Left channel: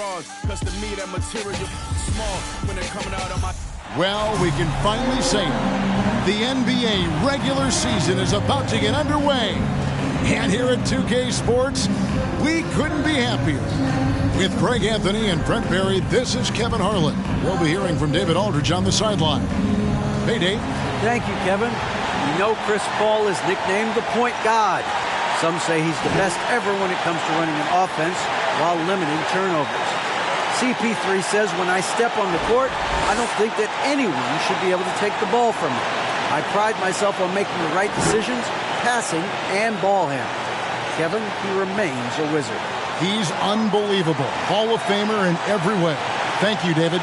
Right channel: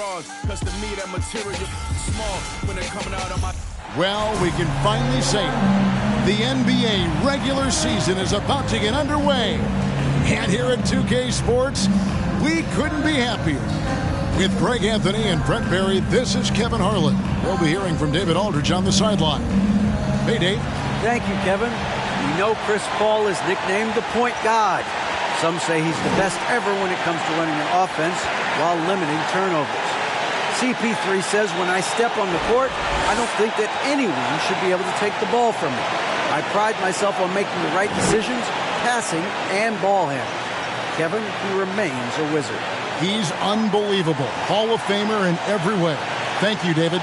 drawers, cause to me that material small when they're coming out on my... Well, we can finally say it. The NBA regular season is about to get underway. And here at 2K Sports, we couldn't be happier. With Greg Anthony and Brent Barry, this is Kevin Harlan. We'll be hearing from David Aldridge on the sideline. Hey, Dave. Thank you, Kevin. We know Chris Paul is nicknamed the point god. Some say he's the best ever when it comes to running an offense while limiting turnovers. CP3 says, when I step on the court, I don't think that anyone should be able to take the ball from me. I pride myself on making the right decisions, passing and ball handling. Kevin, he remains a wizard. He's unbelievable. Hall of Famer in every way. Thank you, David.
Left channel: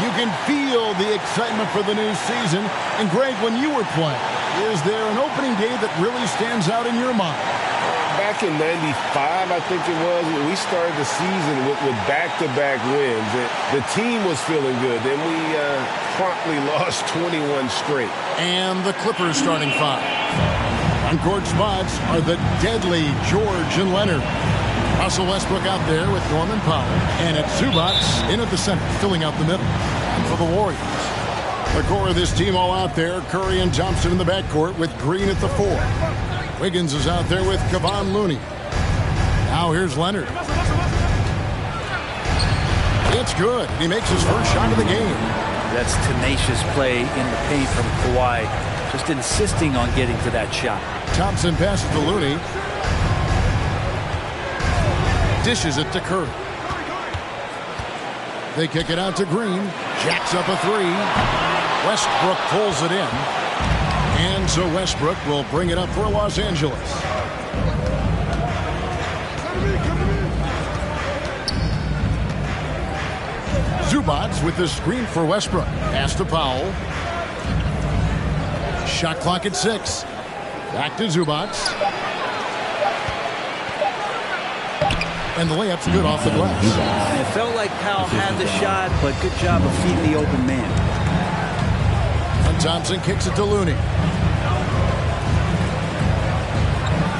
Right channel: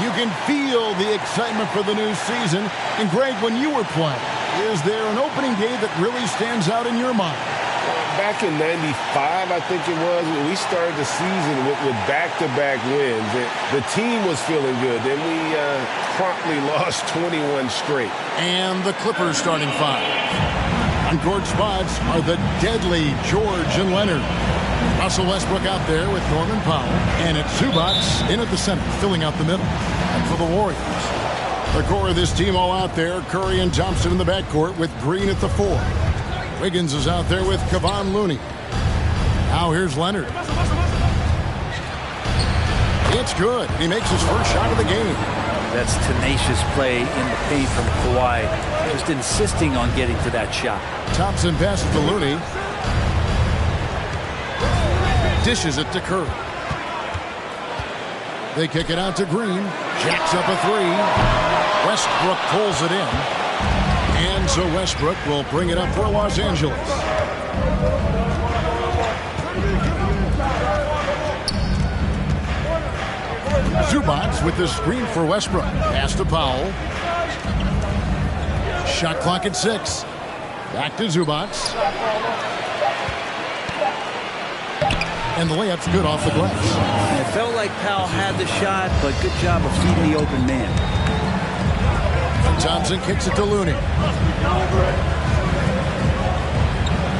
You can feel the excitement for the new season. And Greg, when you were playing, is there an opening day that really stands out in your mind? Back in '95, I think it was, we started the season with back-to-back wins. The team was feeling good. Then we promptly lost 21 straight. And the Clippers starting five. On court spots are the deadly George and Leonard. Russell Westbrook out there with Norman Powell. And it's Zubac in at the center, filling out the middle. And for the Warriors, the core of this team all out there. Curry and Thompson in the backcourt with Green at the 4. Wiggins is out there with Kevon Looney. Now here's Leonard. It's good. He makes his first shot of the game. That's tenacious play in the paint from Kawhi. Just insisting on getting to that shot. Thompson passes to Looney. Dishes it to Curry. They kick it out to Green. Jacks up a 3. Westbrook pulls it in. And so Westbrook will bring it up for Los Angeles. Zubac with the screen for Westbrook. Pass to Powell. Shot clock at 6. Back to Zubac. And the layup's good off the glass. It felt like Powell had the shot, but good job of feeding the open man. And Thompson kicks it to Looney.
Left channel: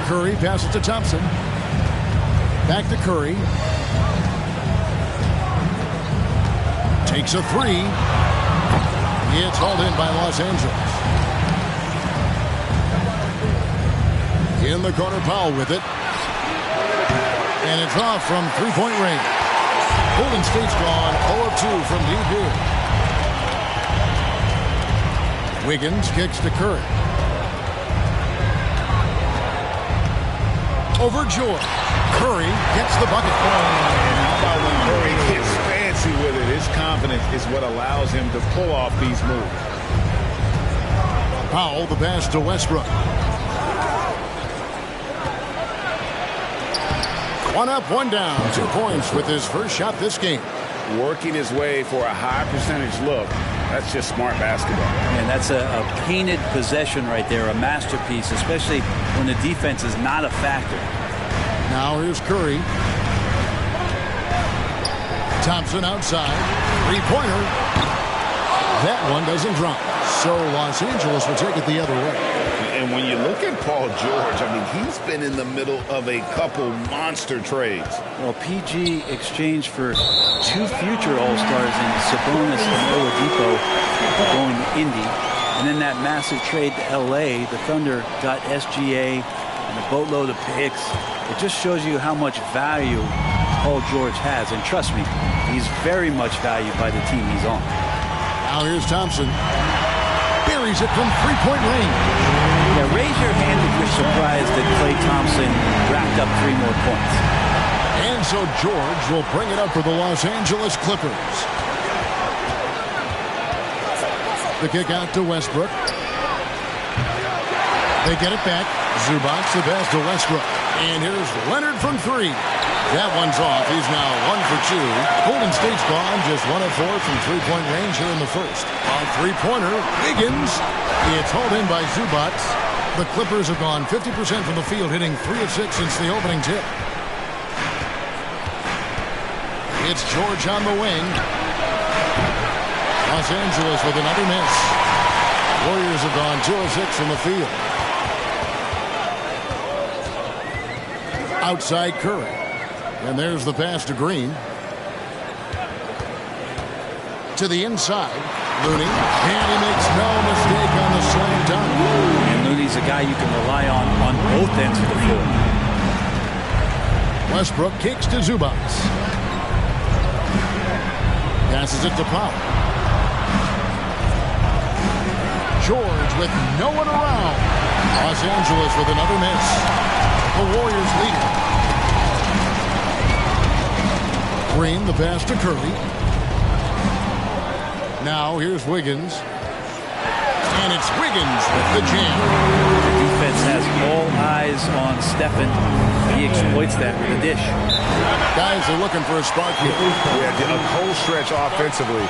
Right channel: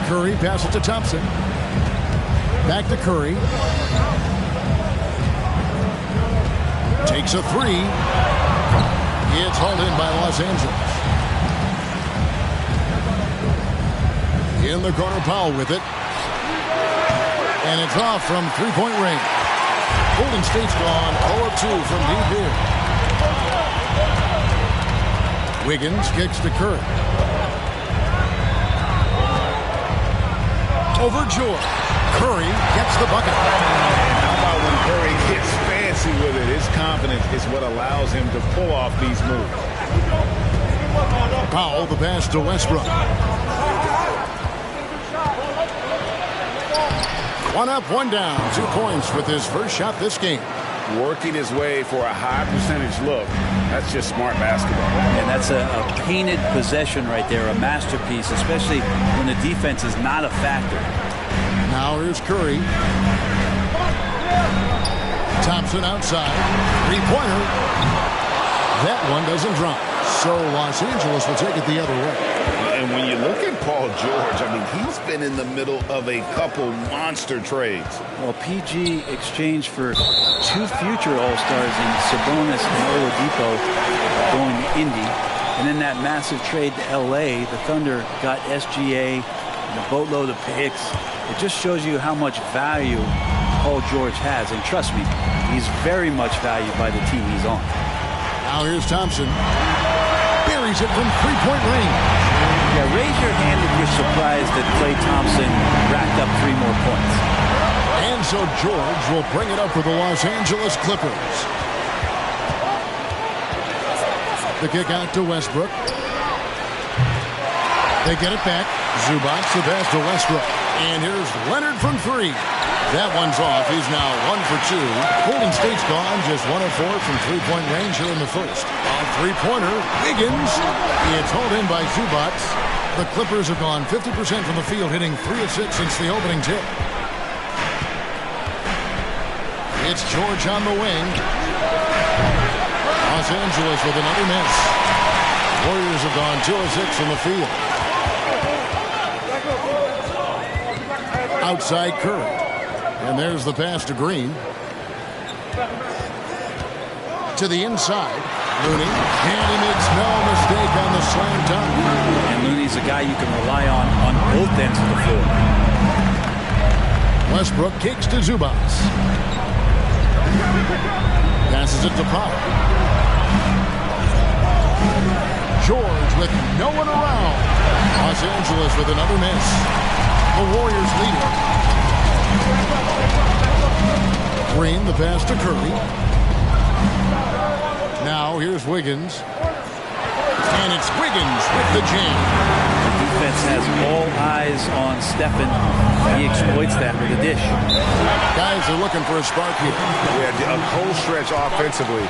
Curry passes to Thompson. Back to Curry. Takes a 3. It's hauled in by Los Angeles. In the corner, Powell with it. And it's off from three-point range. Golden State's gone 0 of 2 from deep here. Wiggins kicks to Curry. Over George. Curry gets the bucket. And how about when Curry gets fancy with it? His confidence is what allows him to pull off these moves. Powell, the pass to Westbrook. One up, one down. 2 points with his first shot this game. Working his way for a high percentage look. That's just smart basketball. And that's a painted possession right there, a masterpiece, especially when the defense is not a factor. Now here's Curry. Thompson outside. Three-pointer. That one doesn't drop. So Los Angeles will take it the other way. And when you look at Paul George, I mean, he's been in the middle of a couple monster trades. Well, PG exchanged for 2 future All-Stars in Sabonis and Oladipo going to Indy. And then that massive trade to L.A., the Thunder got SGA and a boatload of picks. It just shows you how much value Paul George has. And trust me, he's very much valued by the team he's on. Now here's Thompson. Buries it from three-point range. Yeah, raise your hand if you're surprised that Klay Thompson racked up 3 more points. And so George will bring it up for the Los Angeles Clippers. The kick out to Westbrook. They get it back. Zubac, the pass to Westbrook. And here's Leonard from 3. That one's off. He's now 1 for 2. Golden State's gone just 1 of 4 from three-point range here in the first. On three-pointer, Wiggins. It's hauled in by Zubac. The Clippers have gone 50% from the field, hitting 3 of 6 since the opening tip. It's George on the wing. Los Angeles with another miss. Warriors have gone 2 of 6 from the field. Outside Curry. And there's the pass to Green. To the inside, Looney, and he makes no mistake on the slam dunk. And Looney's a guy you can rely on both ends of the floor. Westbrook kicks to Zubac. Passes it to Powell. George with no one around. Los Angeles with another miss. The Warriors lead it. Green, the pass to Curry. Now here's Wiggins. And it's Wiggins with the jam. The defense has all eyes on Stephen. He exploits that with a dish. Guys are looking for a spark here. Yeah, a cold stretch offensively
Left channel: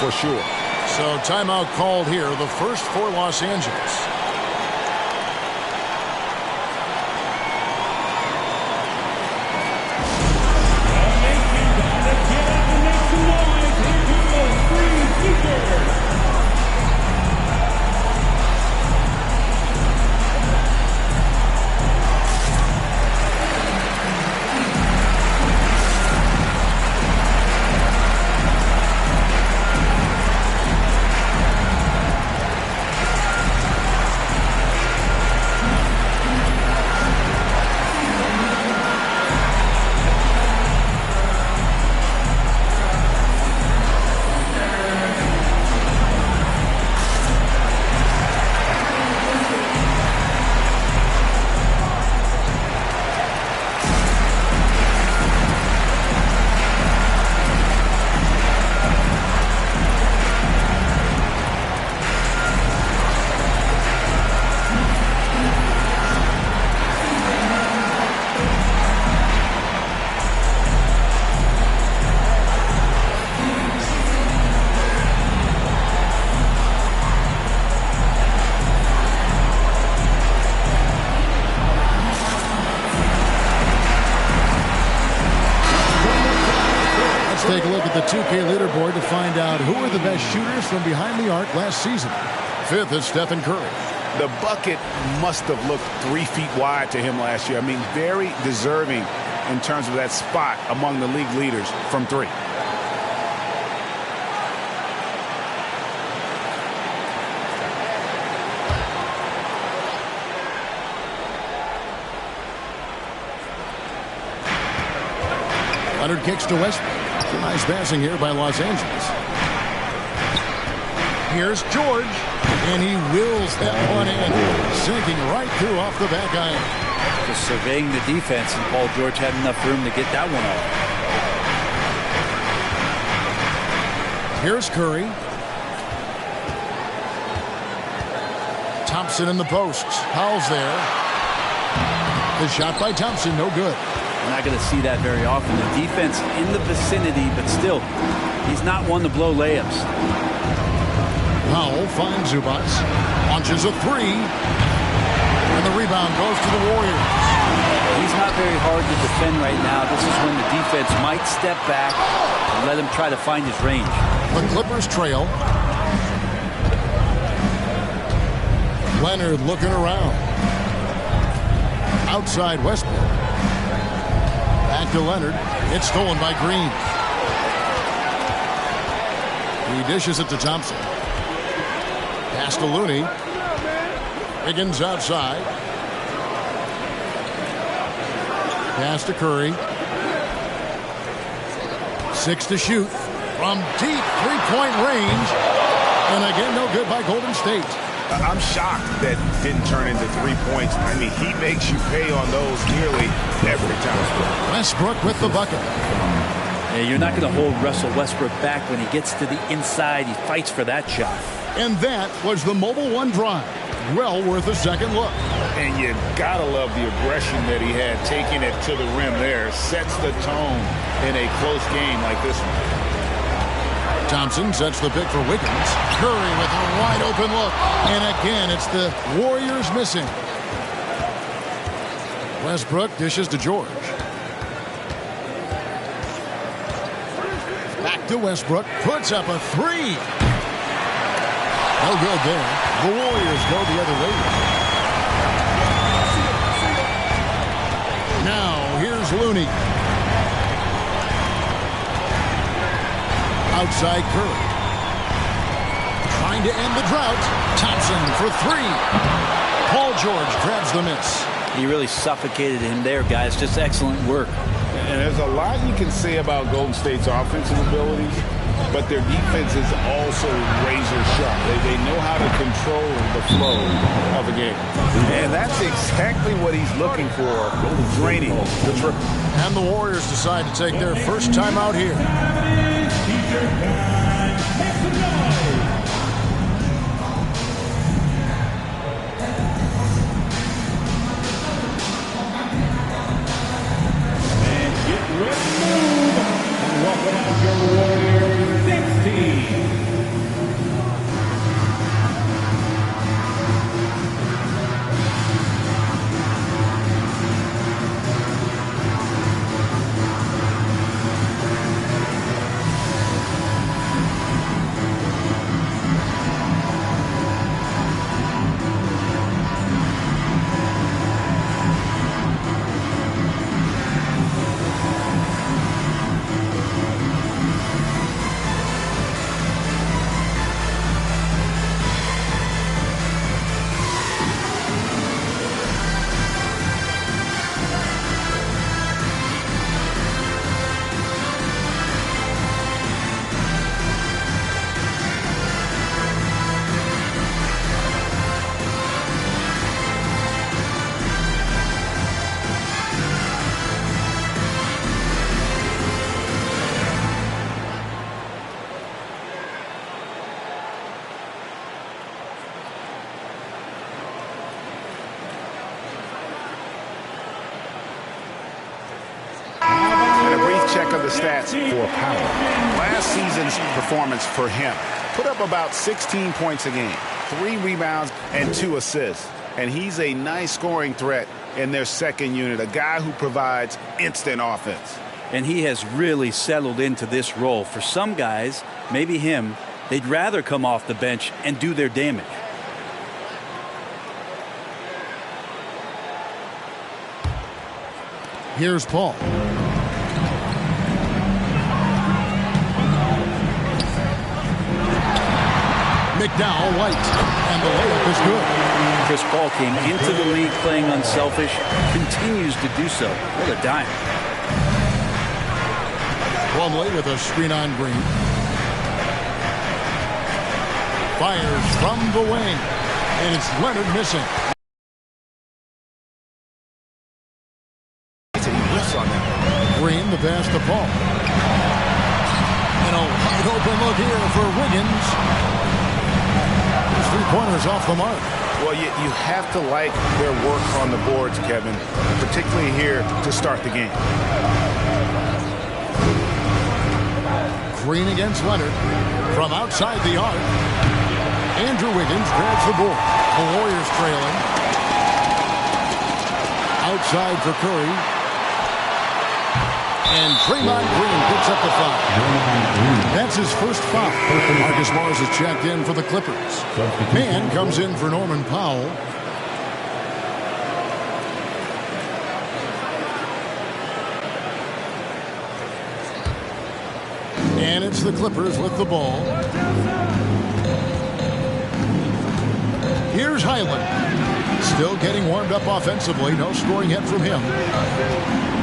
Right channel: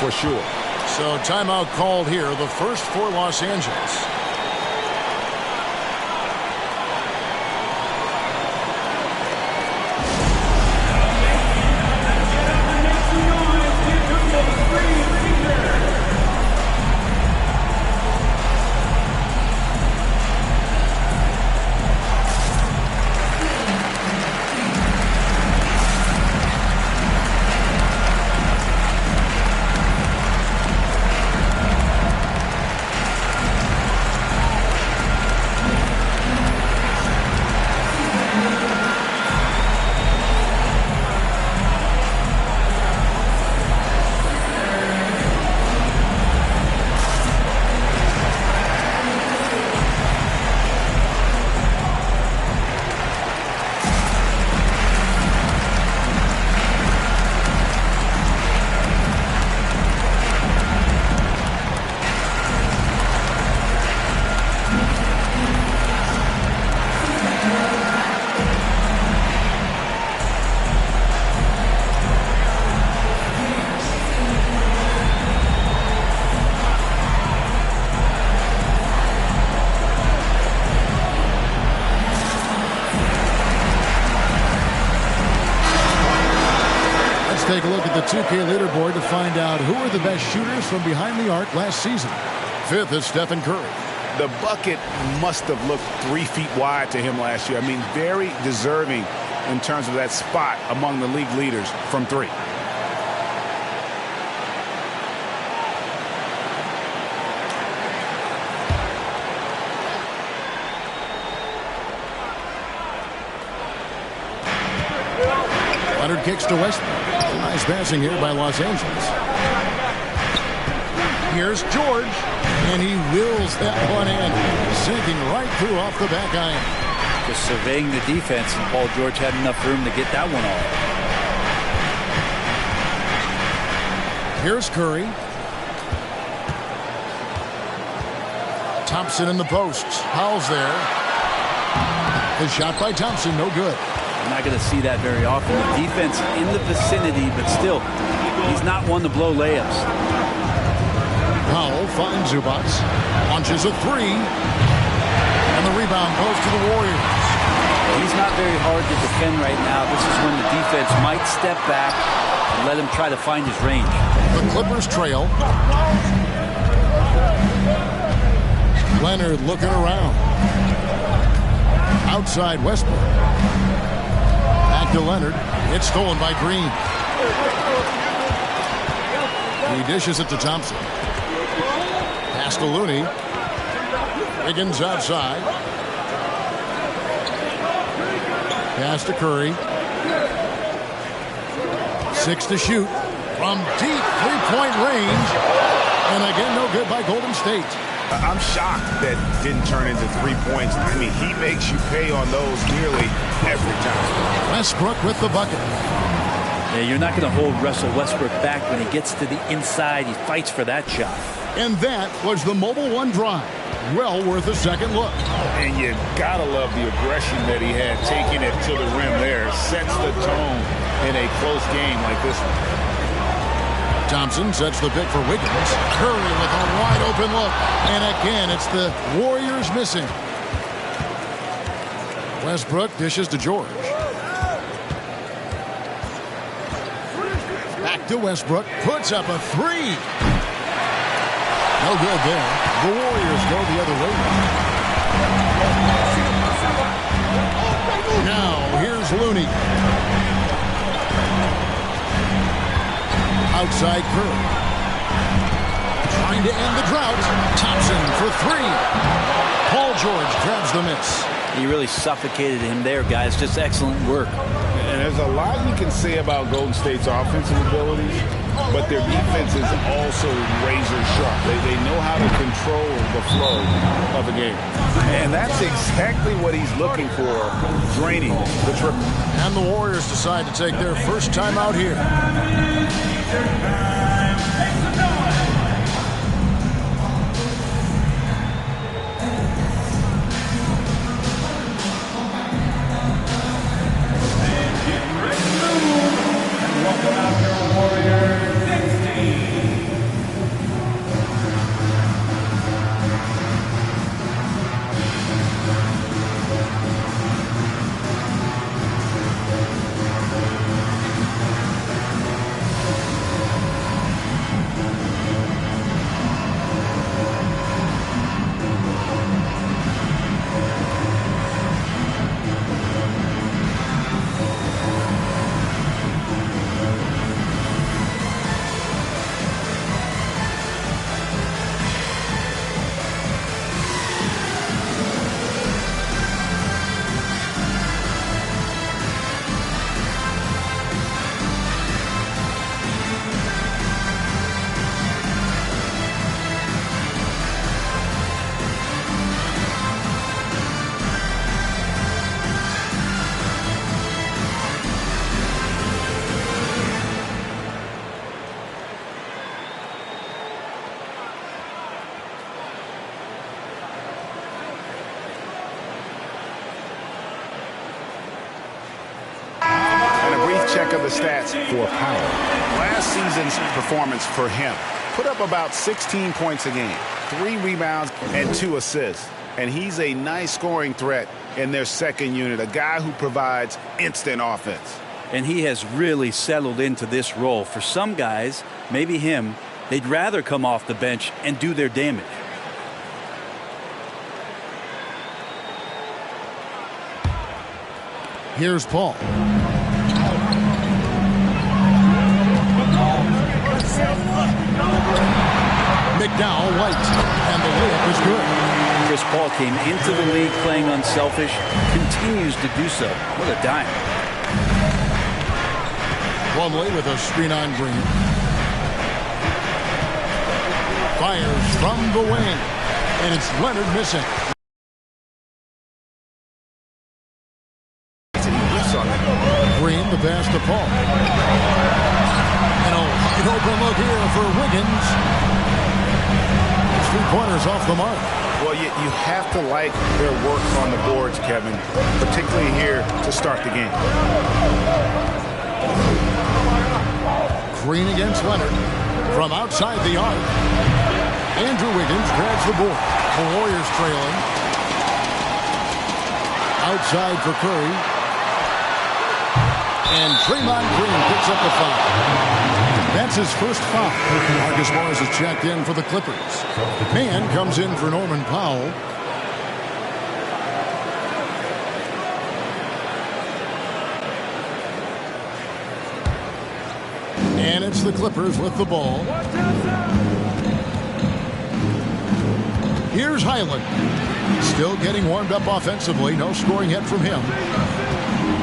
for sure. So timeout called here, the first for Los Angeles. Take a look at the 2K leaderboard to find out who are the best shooters from behind the arc last season. Fifth is Stephen Curry. The bucket must have looked 3 feet wide to him last year. I mean, very deserving in terms of that spot among the league leaders from three. Leonard kicks to Westbrook. Nice passing here by Los Angeles. Here's George, and he wills that one in, sinking right through off the back iron. Just surveying the defense, and Paul George had enough room to get that one off. Here's Curry. Thompson in the posts. Powell's there. The shot by Thompson, no good. We're not going to see that very often. The defense in the vicinity, but still, he's not one to blow layups. Powell finds Zubac, launches a three, and the rebound goes to the Warriors. He's not very hard to defend right now. This is when the defense might step back and let him try to find his range. The Clippers trail. Leonard looking around. Outside Westbrook. Back to Leonard. It's stolen by Green. He dishes it to Thompson. Pass to Looney. Wiggins outside. Pass to Curry. 6 to shoot. From deep three-point range. And again, no good by Golden State. I'm shocked that didn't turn into 3 points. I mean, he makes you pay on those nearly every time. Westbrook with the bucket. Yeah, you're not going to hold Russell Westbrook back when he gets to the inside. He fights for that shot. And that was the Mobile One drive. Well worth a second look. And you got to love the aggression that he had taking it to the rim there. Sets the tone in a close game like this one. Thompson sets the pick for Wiggins. Curry with a wide open look. And again, it's the Warriors missing. Westbrook dishes to George. Back to Westbrook. Puts up a three. No good there. The Warriors go the other way. Now, here's Looney. Outside Curry. Trying to end the drought. Thompson for three. Paul George grabs the miss. He really suffocated him there, guys. Just excellent work. And there's a lot you can say about Golden State's offensive abilities, but their defense is also razor sharp. They know how to control the flow of the game. And that's exactly what he's looking for, draining the triple. And the Warriors decide to take their first time out here. Check of the stats for Powell. Last season's performance for him put up about 16 points a game, 3 rebounds and 2 assists. And he's a nice scoring threat in their second unit, a guy who provides instant offense. And he has really settled into this role. For some guys, maybe him, they'd rather come off the bench and do their damage. Here's Paul. McDowell White, and the layup is good. Chris Paul came into the league playing unselfish, continues to do so. What a dime. Plumlee with a screen on Green. Fires from the wing, and it's Leonard missing. Green, the pass to Paul. And a wide open look here for Wiggins. 3-pointers off the mark. Well, you have to like their work on the boards, Kevin, particularly here to start the game. Green against Leonard from outside the arc. Andrew Wiggins grabs the board. The Warriors trailing. Outside for Curry. And Draymond Green picks up the foul. That's his first foul. Marcus Morris is checked in for the Clippers. Man comes in for Norman Powell. And it's the Clippers with the ball. Here's Highland. Still getting warmed up offensively. No scoring yet from him.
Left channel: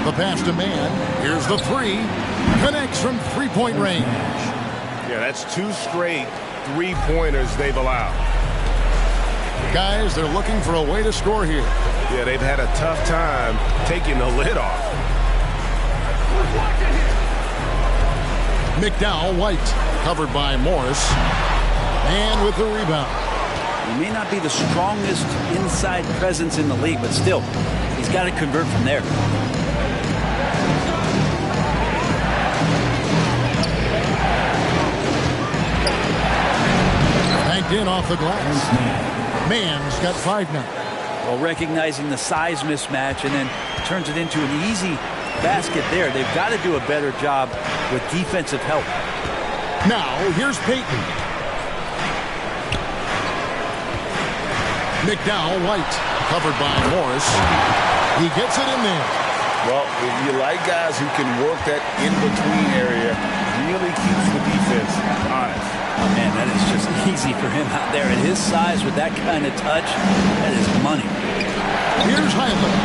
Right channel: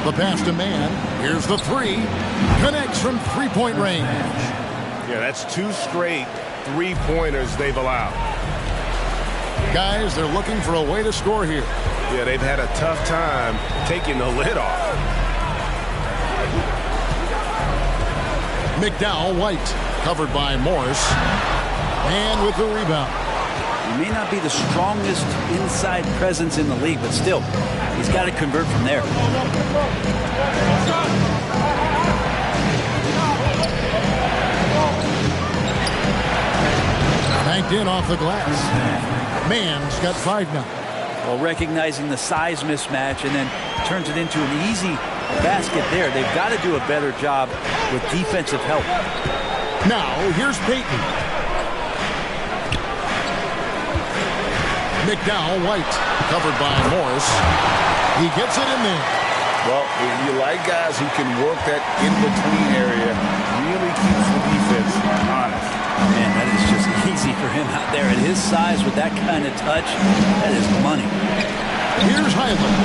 The pass to Man. Here's the three. Connects from three-point range. Yeah, that's 2 straight 3-pointers they've allowed. Guys, they're looking for a way to score here. Yeah, they've had a tough time taking the lid off. McDowell White, covered by Morris. And with the rebound. He may not be the strongest inside presence in the league, but still, he's got to convert from there. Banked in off the glass. Man's got 5 now. Well, recognizing the size mismatch and then turns it into an easy basket there. They've got to do a better job with defensive help. Now, here's Payton. McDowell White, covered by Morris. He gets it in there. Well, you like guys who can work that in-between area. Really keeps the defense Oh, man, that is just easy for him out there. At his size with that kind of touch, that is money. Here's Highland.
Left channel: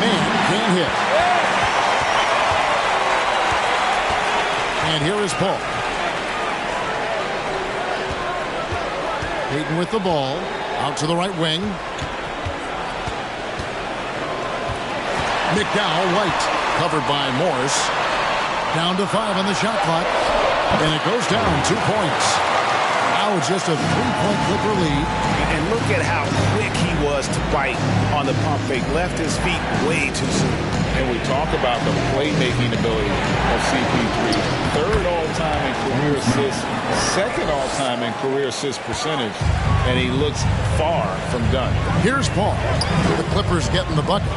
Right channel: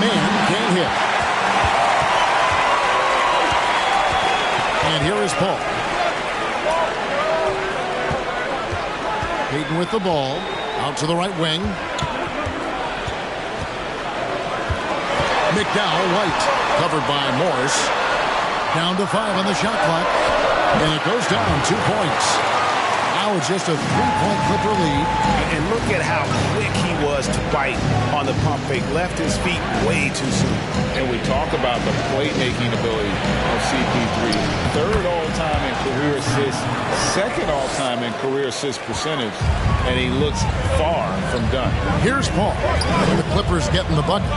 Man can't hit. And here is Paul. Payton with the ball. Out to the right wing. McDowell, White. Covered by Morris. Down to 5 on the shot clock. And it goes down 2 points. Now it's just a 3-point Clipper lead. And look at how quick he was to bite on the pump fake. Left his feet way too soon. And we talk about the playmaking ability of CP3. 3rd all-time in career assists, 2nd all-time in career assist percentage, and he looks far from done. Here's Paul. The Clippers getting the bucket.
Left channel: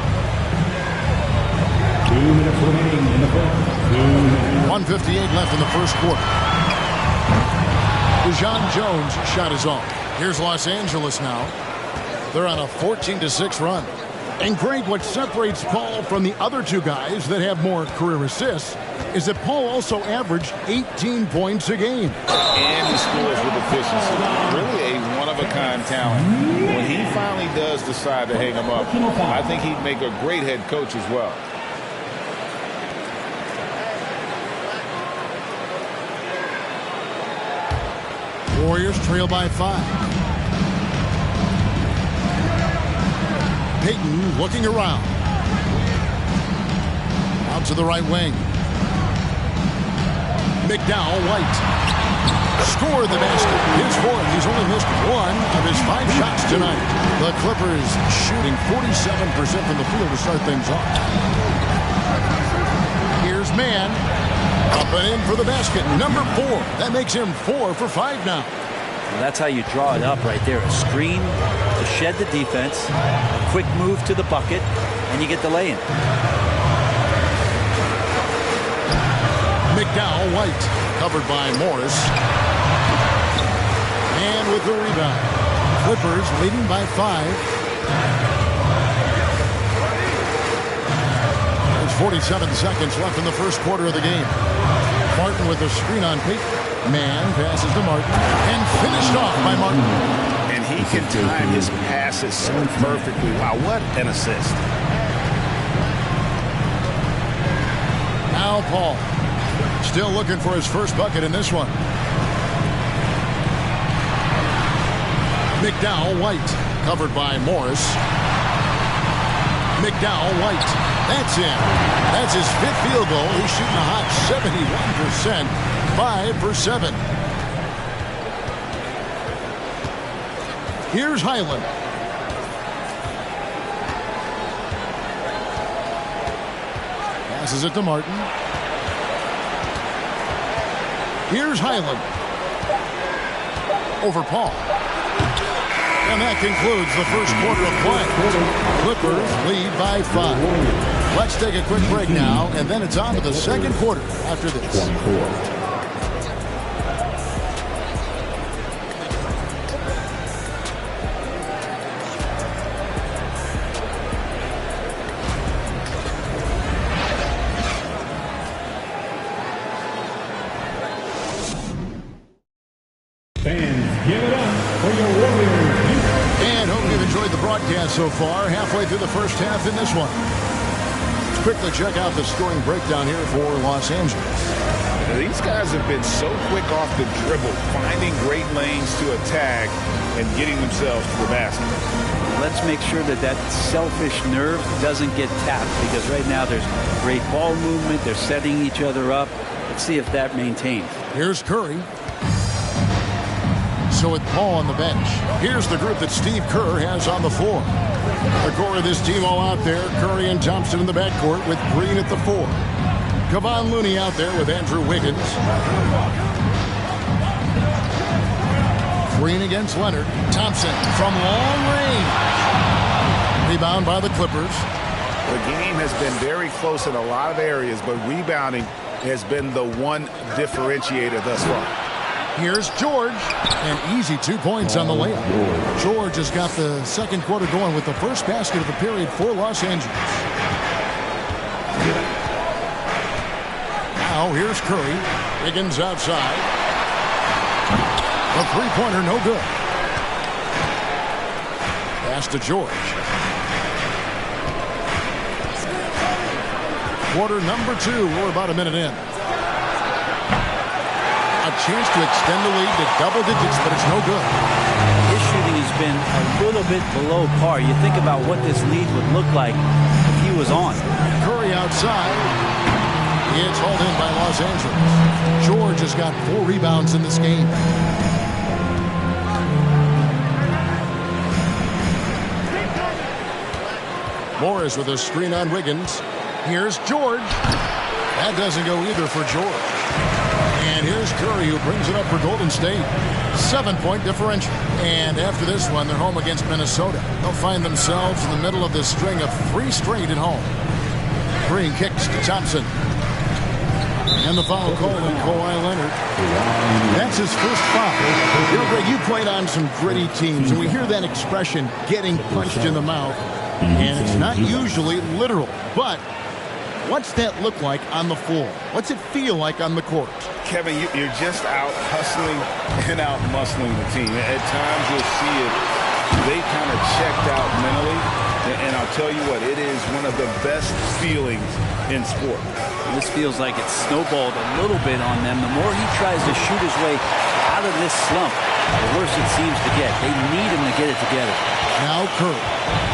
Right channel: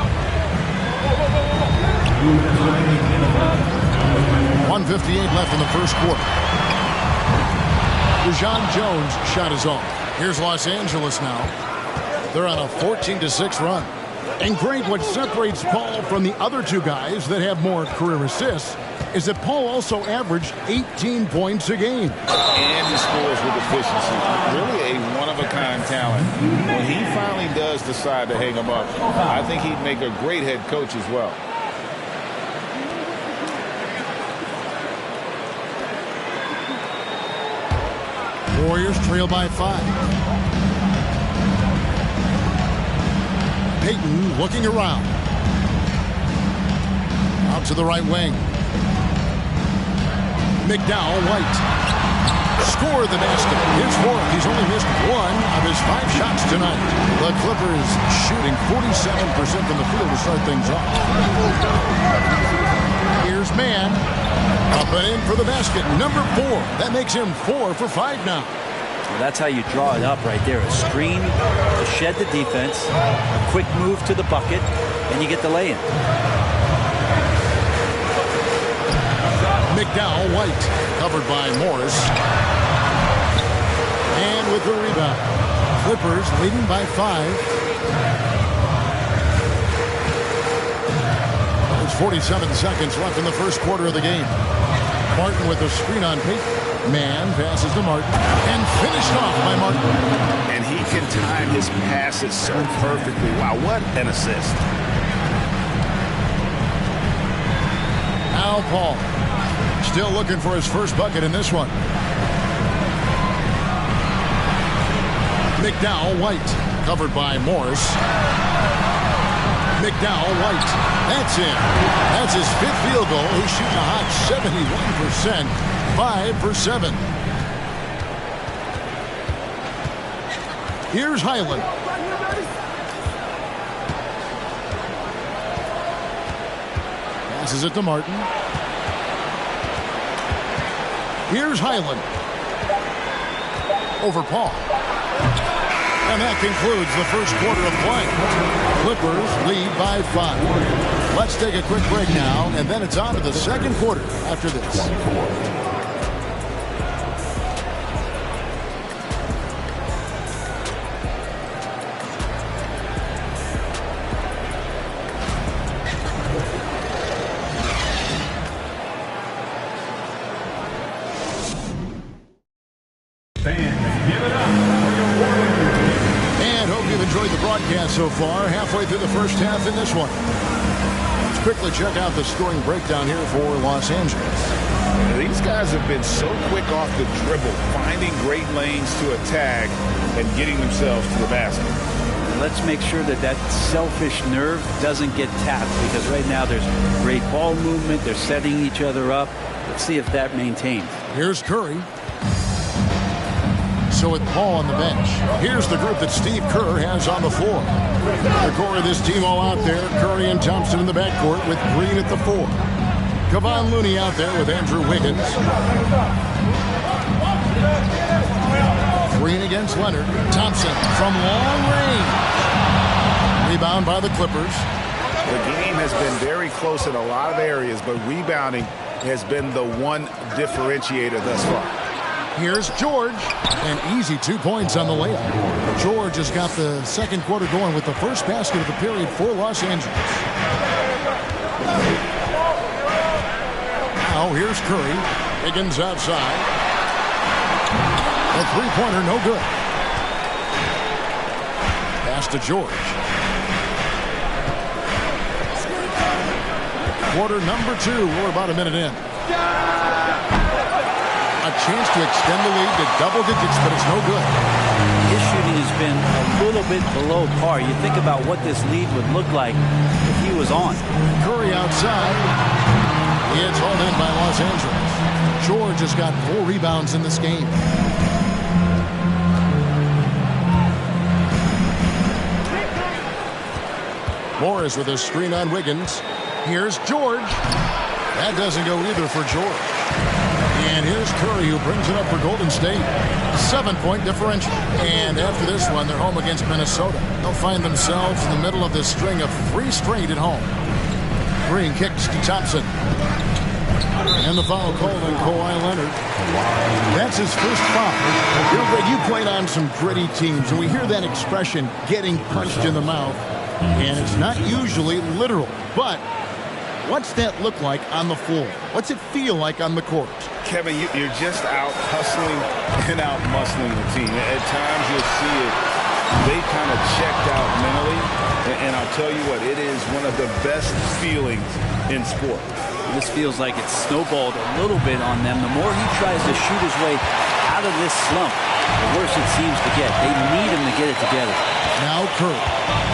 1:58 left in the first quarter. DeJon Jones' shot is off. Here's Los Angeles now. They're on a 14-6 run. And Greg, what separates Paul from the other two guys that have more career assists is that Paul also averaged 18 points a game. And he scores with efficiency. Really a one-of-a-kind talent. When he finally does decide to hang him up, I think he'd make a great head coach as well. Warriors trail by 5. Payton looking around. Out to the right wing. McDowell, White. Score the basket. His 4th. He's only missed 1 of his 5 shots tonight. The Clippers shooting 47% from the field to start things off. Here's Mann. Up and in for the basket. Number 4. That makes him 4 for 5 now. Well, that's how you draw it up right there. A screen to shed the defense, a quick move to the bucket, and you get the lay-in. McDowell, White, covered by Morris. And with the rebound. Clippers leading by 5. There's 47 seconds left in the first quarter of the game. Martin with a screen on Payton. Mann passes to Martin and finished off by Martin. And he can time his passes so perfectly. Wow, what an assist. Now Paul. Still looking for his first bucket in this one. McDowell, White. Covered by Morris. McDowell, White. That's in. That's his 5th field goal. He's shooting a hot 71%. 5 for 7. Here's Highland. Passes it to Martin. Here's Highland. Over Paul. And that concludes the first quarter of play. Clippers lead by 5. Let's take a quick break now, and then it's on to the second quarter after this. And hope you've enjoyed the broadcast so far. Halfway through the first half in this one. Let's quickly check out the scoring breakdown here for Los Angeles. These guys have been so quick off the dribble, finding great lanes to attack and getting themselves to the basket. Let's make sure that that selfish nerve doesn't get tapped, because right now there's great ball movement. They're setting each other up. Let's see if that maintains. Here's Curry. So with Paul on the bench, here's the group that Steve Kerr has on the floor. The core of this team all out there. Curry and Thompson in the backcourt with Green at the 4. Kevon Looney out there with Andrew Wiggins. Green against Leonard. Thompson from long range. Rebound by the Clippers. The game has been very close in a lot of areas, but rebounding has been the one differentiator thus far. Here's George. An easy 2 points on the layup. George has got the second quarter going with the first basket of the period for Los Angeles. Now here's Curry. Wiggins outside. The three-pointer, no good. Pass to George. Quarter number 2. We're about a minute in. A chance to extend the lead to double digits, but it's no good. His shooting has been a little bit below par. You think about what this lead would look like if he was on. Curry outside. It's hauled in by Los Angeles. George has got 4 rebounds in this game. Morris with a screen on Wiggins. Here's George. That doesn't go either for George. And here's Curry, who brings it up for Golden State. 7-point differential. And after this one, they're home against Minnesota. They'll find themselves in the middle of this string of 3 straight at home. Green kicks to Thompson. And the foul called on Kawhi Leonard. That's his first foul. You know, Greg, you played on some gritty teams, and we hear that expression, getting punched in the mouth. And it's not usually literal, but what's that look like on the floor? What's it feel like on the court? Kevin, you're just out hustling and out muscling the team. At times you'll see it. They kind of checked out mentally. And I'll tell you what, it is one of the best feelings in sport. This feels like it's snowballed a little bit on them. The more he tries to shoot his way out of this slump, the worse it seems to get. They need him to get it together. Now Curry.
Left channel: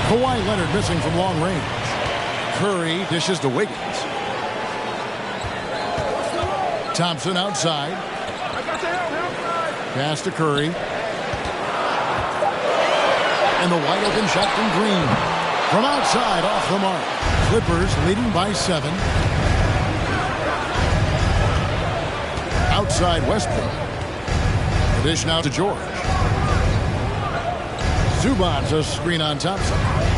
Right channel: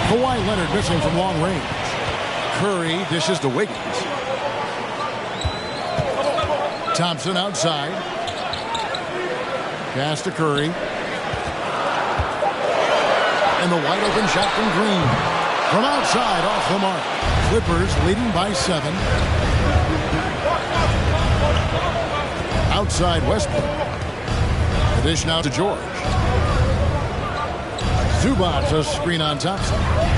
Kawhi Leonard missing from long range. Curry dishes to Wiggins. Thompson outside. Pass to Curry. And the wide open shot from Green. From outside, off the mark. Clippers leading by 7. Outside Westbrook. The dish now to George. Zubac a screen on Thompson.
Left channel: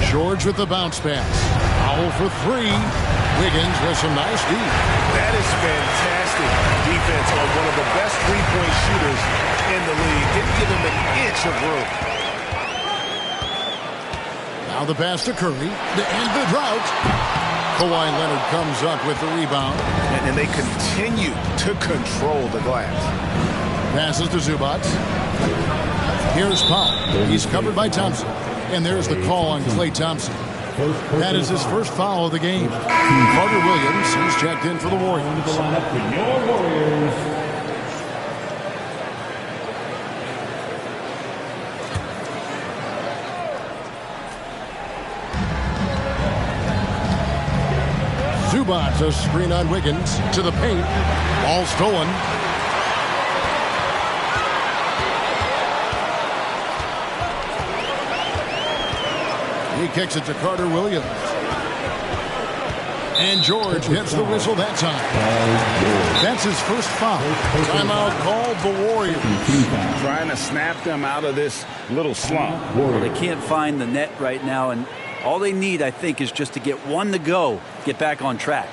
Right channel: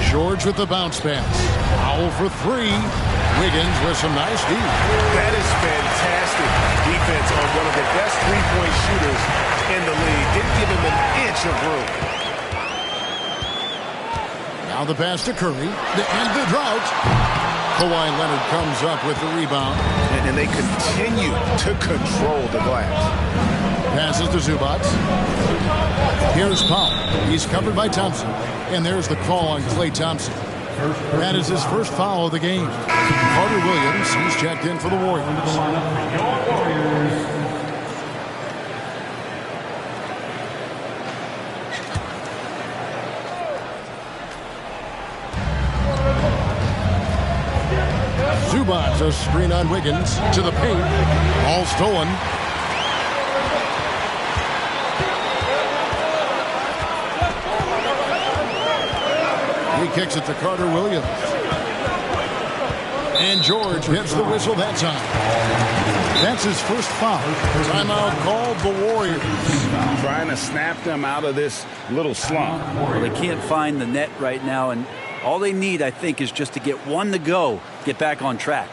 George with the bounce pass. Foul for 3. Wiggins with some nice D. That is fantastic defense on one of the best three-point shooters in the league. Didn't give him an inch of room. Now the pass to Curry to end the drought. Kawhi Leonard comes up with the rebound. And they continue to control the glass. Passes to Zubac. Here's Powell. He's covered by Thompson. And there's the call on Klay Thompson. That is his first foul of the game. Carter Williams, he's checked in for the Warriors. Zubac a screen on Wiggins to the paint. Ball stolen. He kicks it to Carter Williams. And George hits the whistle that time. That's his first foul. Timeout called the Warriors. Trying to snap them out of this little slump. Well, they can't find the net right now, and all they need, I think, is just to get one to go, get back on track.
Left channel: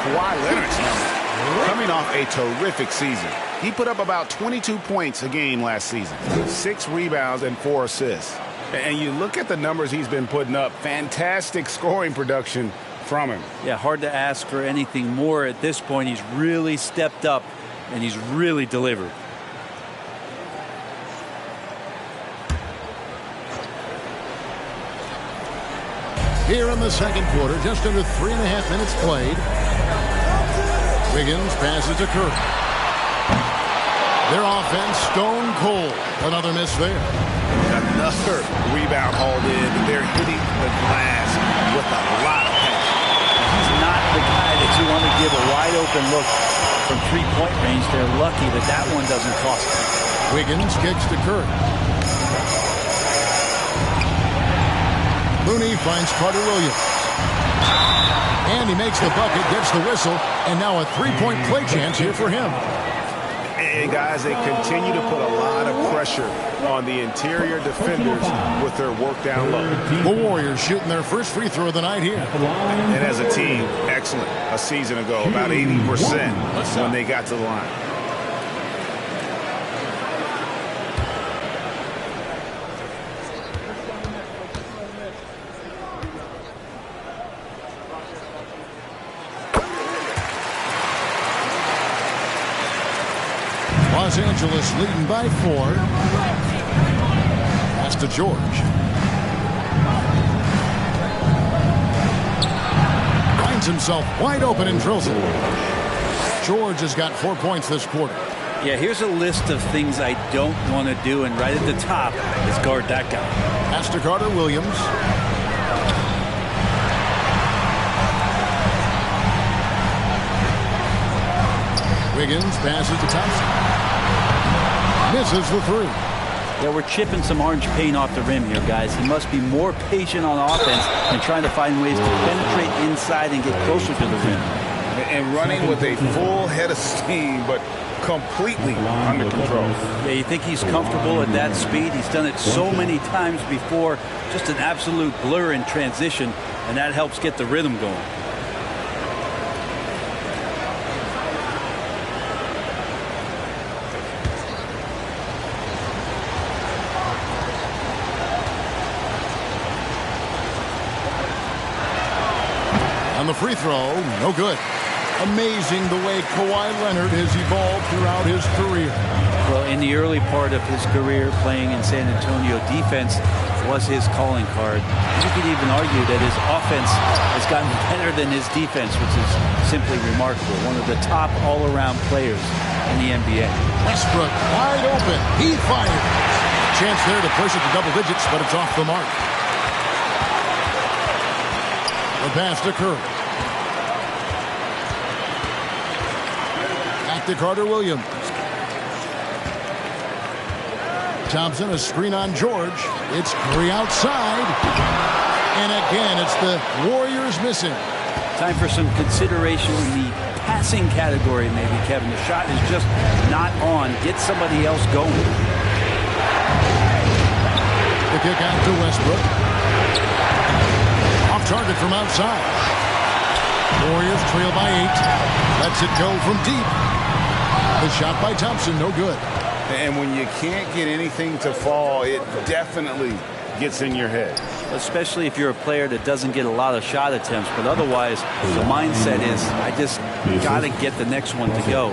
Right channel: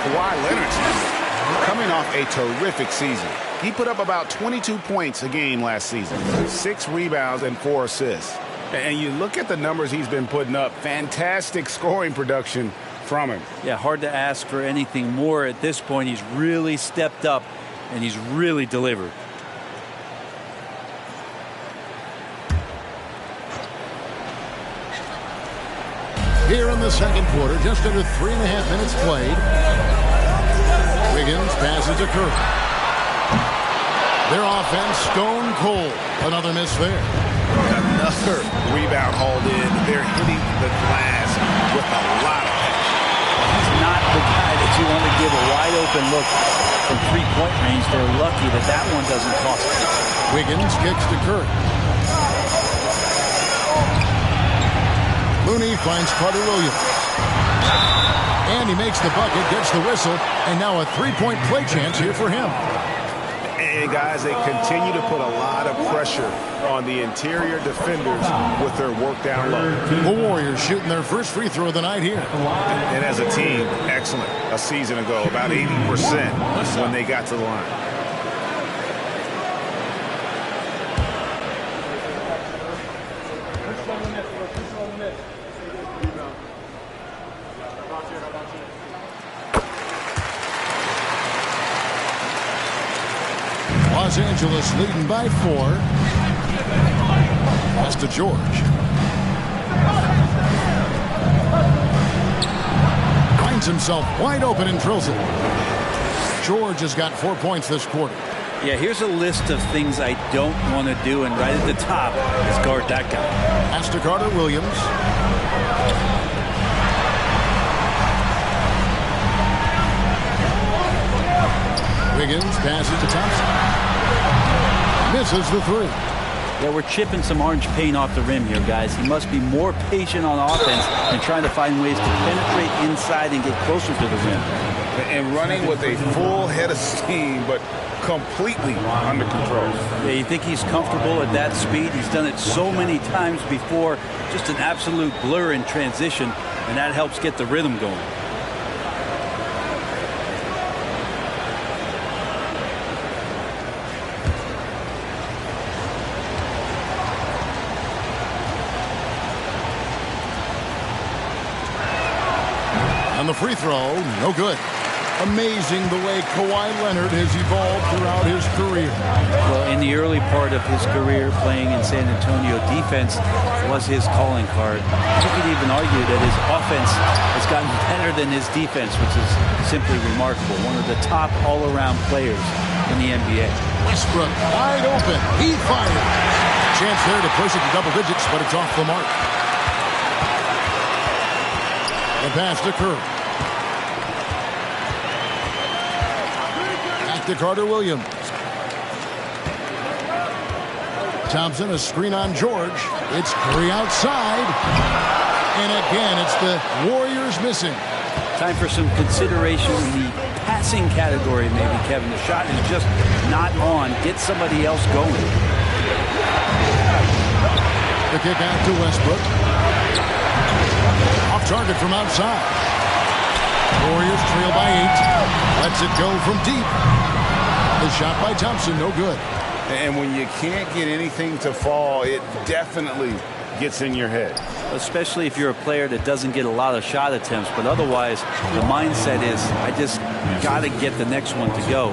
Kawhi Leonard's number. Coming off a terrific season. He put up about 22 points a game last season, 6 rebounds and 4 assists. And you look at the numbers he's been putting up. Fantastic scoring production from him. Yeah, hard to ask for anything more at this point. He's really stepped up, and he's really delivered. Here in the second quarter, just under 3.5 minutes played. Wiggins passes to Curry. Their offense stone cold. Another miss there. Another rebound hauled in. They're hitting the glass with a lot of passion. He's not the guy that you want to give a wide open look from three-point range. They're lucky that that one doesn't cost them. Wiggins kicks to Curry. Looney finds Carter Williams. And he makes the bucket, gets the whistle, and now a three-point play chance here for him. And guys, they continue to put a lot of pressure on the interior defenders with their work down low. The Warriors shooting their first free throw of the night here. And as a team, excellent. A season ago, about 80% when they got to the line. Los Angeles leading by 4. Pass to George. Finds himself wide open and drills it. George has got 4 points this quarter. Yeah, here's a list of things I don't want to do, and right at the top is guard that guy. Pass to Carter Williams. Wiggins passes to Thompson. Misses the three. Yeah, we're chipping some orange paint off the rim here, guys. He must be more patient on offense and trying to find ways to penetrate inside and get closer to the rim. And running with a full head of steam, but completely under control. Yeah, you think he's comfortable at that speed? He's done it so many times before. Just an absolute blur in transition, and that helps get the rhythm going. On the free throw, no good. Amazing the way Kawhi Leonard has evolved throughout his career. Well, in the early part of his career playing in San Antonio, defense was his calling card. You could even argue that his offense has gotten better than his defense, which is simply remarkable. One of the top all-around players in the NBA. Westbrook wide open. He fires. Chance there to push it to double digits, but it's off the mark. The pass to Curry. Back to Carter Williams. Thompson, a screen on George. It's Curry outside. And again, it's the Warriors missing. Time for some consideration in the passing category, maybe, Kevin. The shot is just not on. Get somebody else going. The kick out to Westbrook. Off target from outside. Warriors trail by 8. Lets it go from deep. The shot by Thompson, no good. And when you can't get anything to fall, it definitely gets in your head. Especially if you're a player that doesn't get a lot of shot attempts. But otherwise, the mindset is, I just got to get the next one to go.